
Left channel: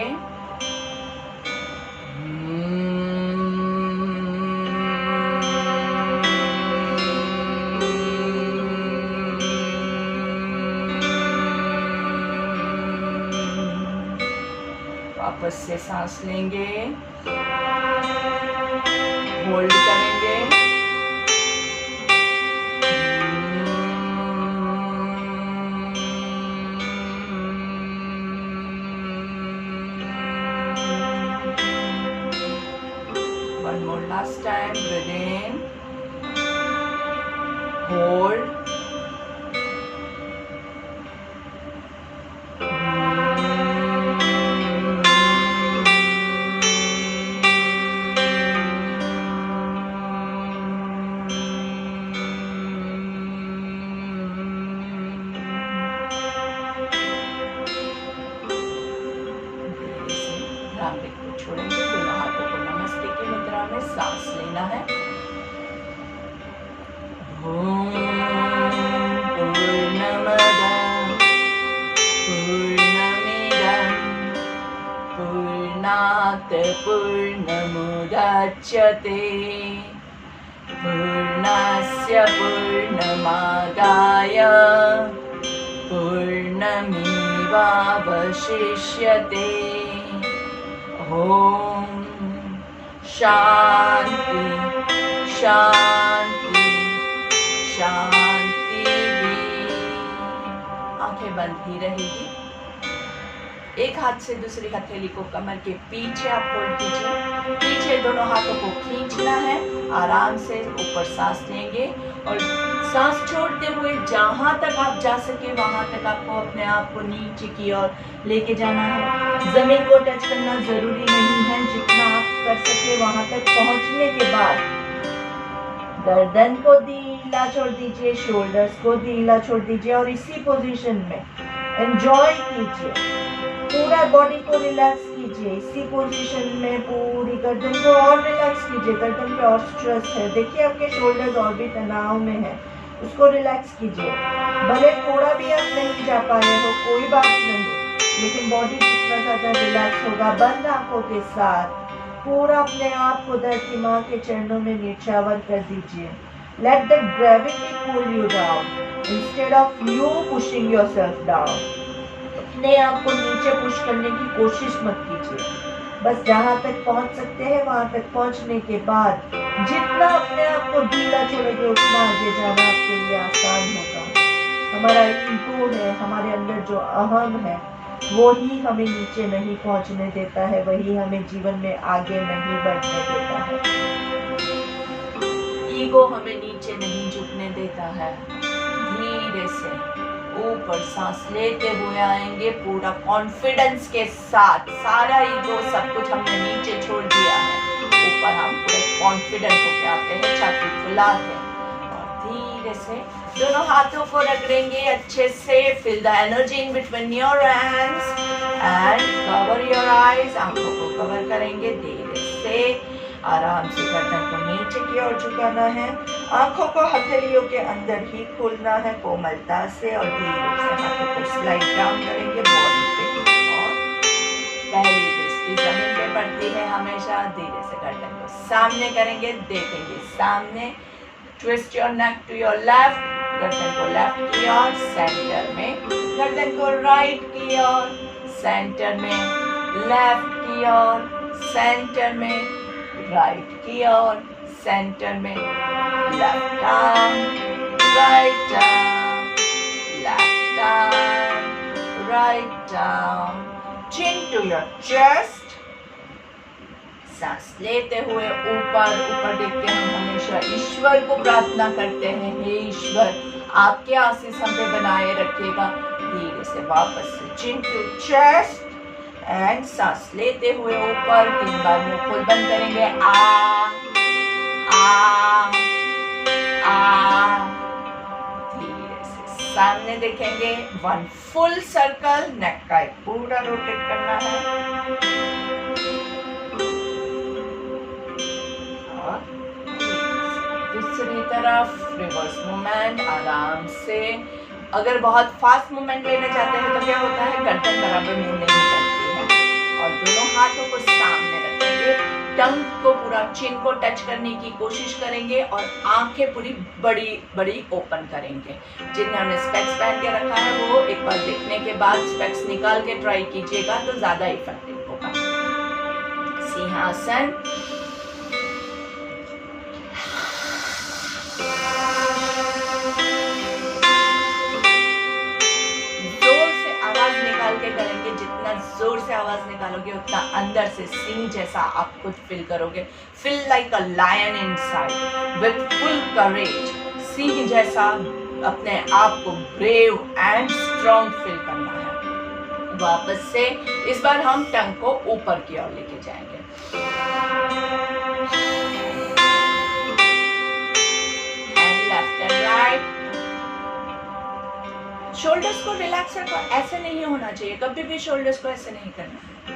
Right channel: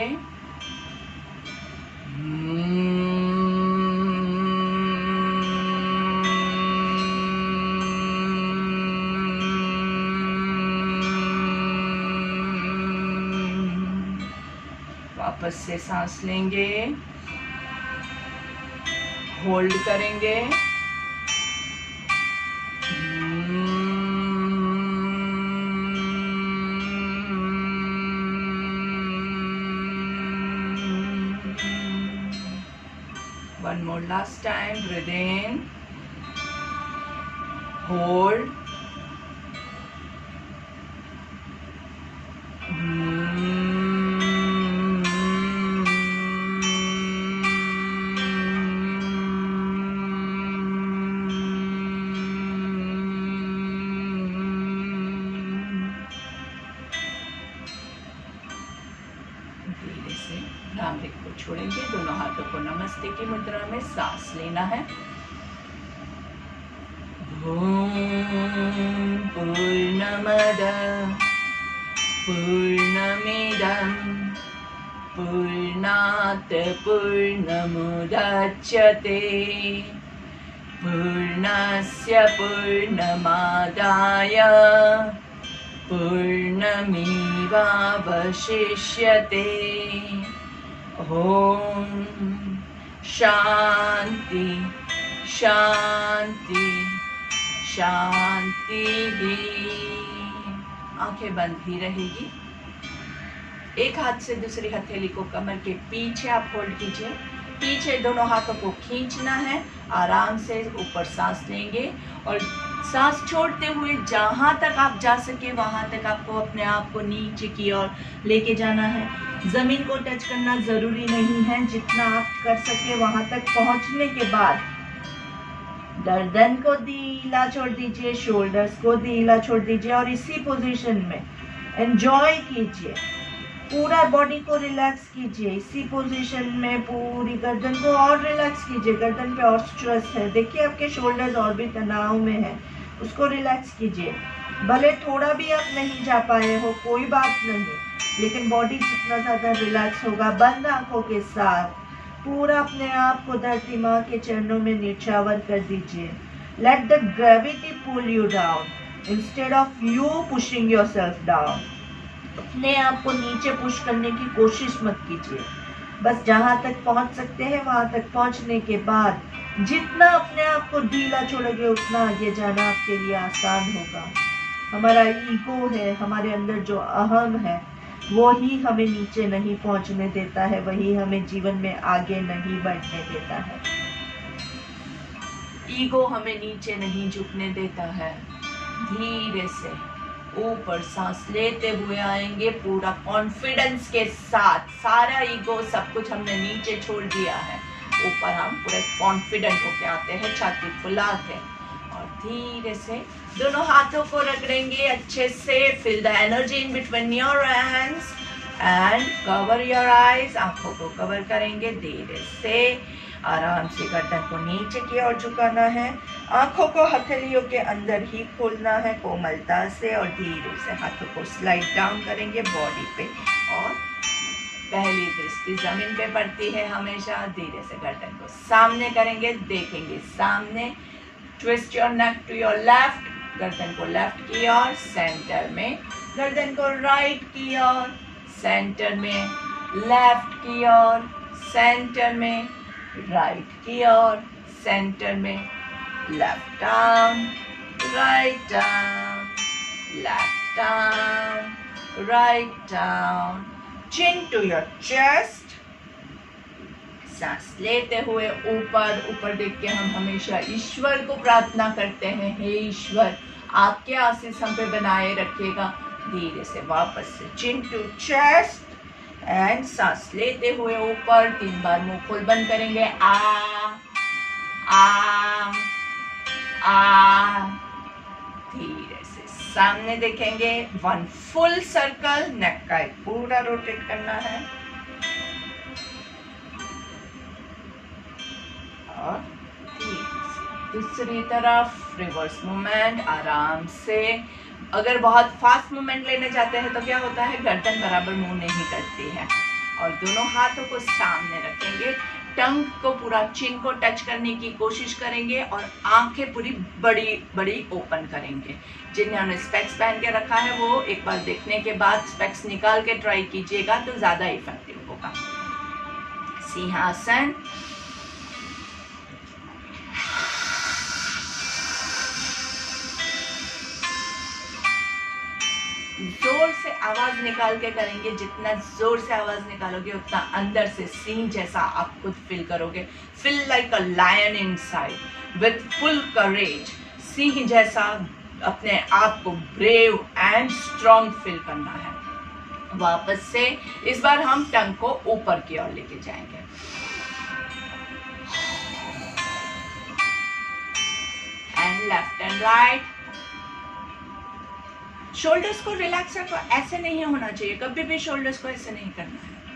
वापस से सांस लेंगे, होल्ड करेंगे, one more last time. Breathe in, hold, भ्रामरिक को छोड़ेंगे। दोनों हाथों को नमस्ते की मुद्रा में सांस लेना है। ओम पूर्णमद पूर्णमिदं पूर्णात् पूर्णमुदच्यते पूर्णस्य पूर्णमादाय पूर्णमेवावशिष्यते। ओम शांति शांति शांति। आंखें बंद ही रहेगी। एक हाथ से दूसरी हथेली को कमर के पीछे आप होल्ड कीजिए। पीछे दोनों हाथों को खींचना है। आराम से ऊपर सांस लेंगे और सांस छोड़ते हुए जहां तक आप जा सके वहां तक आपको अपने आप को नीचे की ओर लेके जाना है। जमीन को टच करना जरूरी नहीं है। जितना आप कर सके वहां तक पहुंचने के बाद गर्दन को ढीला छोड़ दीजिए, शोल्डर्स को ढीला छोड़ दीजिए और इसी पोजीशन में एंजॉय कीजिए। पूरा बॉडी को रिलैक्स कीजिए। इसी पोजीशन में पूरी गर्दन को और रिलैक्स कीजिए। गर्दन पे और स्ट्रेस है, देखिए आपके शोल्डर्स और भी तनाव में है, उसको रिलैक्स कीजिए। भले थोड़ा भी आप नहीं जा पाए हो कोई बात नहीं, लेकिन बॉडी जितना ज्यादा रिलैक्स होगा बंद आंखों के साथ पूरा अपने आप को धरती माँ के चरणों में निछावर कर दीजिए। Let the gravity pull you down. Instead of you pushing yourself down, अपने आप को नीचे पुश करने की कोशिश मत कीजिए। बस जहां तक पहुंच सकते हैं वहां तक पहुंचने के बाद जितना अपने आप को ढीला छोड़ोगे उतना आगे जाना आपके लिए आसान होगा। हमारा ईगो है, हमारे अंदर जो अहम है, वो ही हमें नीचे नहीं पहुंचने देता है, वही हमें जीवन में आगे नहीं बढ़ने देता है। ईगो हमें नीचे नहीं झुकने देता है। धीरे से ऊपर सांस लेते हुए आएंगे पूरा कॉन्फिडेंस के साथ। सारा ईगो सब कुछ हमने नीचे छोड़ दिया है, ऊपर हम पूरे कॉन्फिडेंट होके आते हैं, छाती फुला के, और धीरे से दोनों हाथों को रगड़ेंगे अच्छे से। Feel the energy in between your hands and cover your eyes. आंखों को कवर करेंगे, धीरे से आराम से गर्दन को नीचे की ओर झुकाना है। आंखों को हथेलियों के अंदर ही खोलना है कोमलता से, और धीरे से हाथों को स्लाइड डाउन करेंगे बॉडी पे, और पहली दृष्टि जमीन पे पड़ती है हमेशा। धीरे से गर्दन को सामने करेंगे, देखेंगे सामने। Twist your neck to your left, गर्दन को लेफ्ट की ओर, सेंटर में, गर्दन को राइट की ओर, सेंटर में, लेफ्ट की ओर, सेंटर में, राइट की ओर, सेंटर में, left arm, right arm, left arm, right arm, chin to your chest. सांस लेते हुए ऊपर ऊपर देख के हम हमेशा ईश्वर को प्रार्थना करते हैं, हे ईश्वर आपके आशीष हम पे बनाए रखिएगा। धीरे से वापस से चिन टू चेस्ट एंड सांस लेते हुए ऊपर 3 बार मुंह खोल बंद करेंगे। आ आ आ, धीरे से सामने देखेंगे, 1 फुल सर्कल, नेक का एक पूरा रोटेट करना है, और दूसरी तरफ रिवर्स मूवमेंट आराम से। अगर बहुत फास्ट मूवमेंट लेना चाहते हैं तो क्या होता है, गर्दन बराबर मूव नहीं करती है, और दोनों हाथों को सामने रखेंगे, टंग को पूरा चिन को टच करने की कोशिश करेंगे, और आंखें पूरी बड़ी बड़ी ओपन करेंगे। जिन्होंने स्पेक्स पहन के रखा है वो एक बार देखने के बाद स्पेक्स निकाल के ट्राई कीजिएगा तो ज्यादा इफेक्टिव होगा। सिंहासन, निकाल के करेंगे। जितना जोर से आवाज निकालोगे उतना अंदर से सिंह जैसा आप खुद फील करोगे। Feel like a lion inside with full courage. सिंह जैसा अपने आप को ब्रेव एंड स्ट्रॉन्ग फील करना है। वापस से इस बार हम टंग को ऊपर की ओर लेके जाएंगे। And left and right. Shoulders को रिलैक्स रखो, ऐसे नहीं होना चाहिए, कभी भी शोल्डर्स को ऐसे नहीं करना है।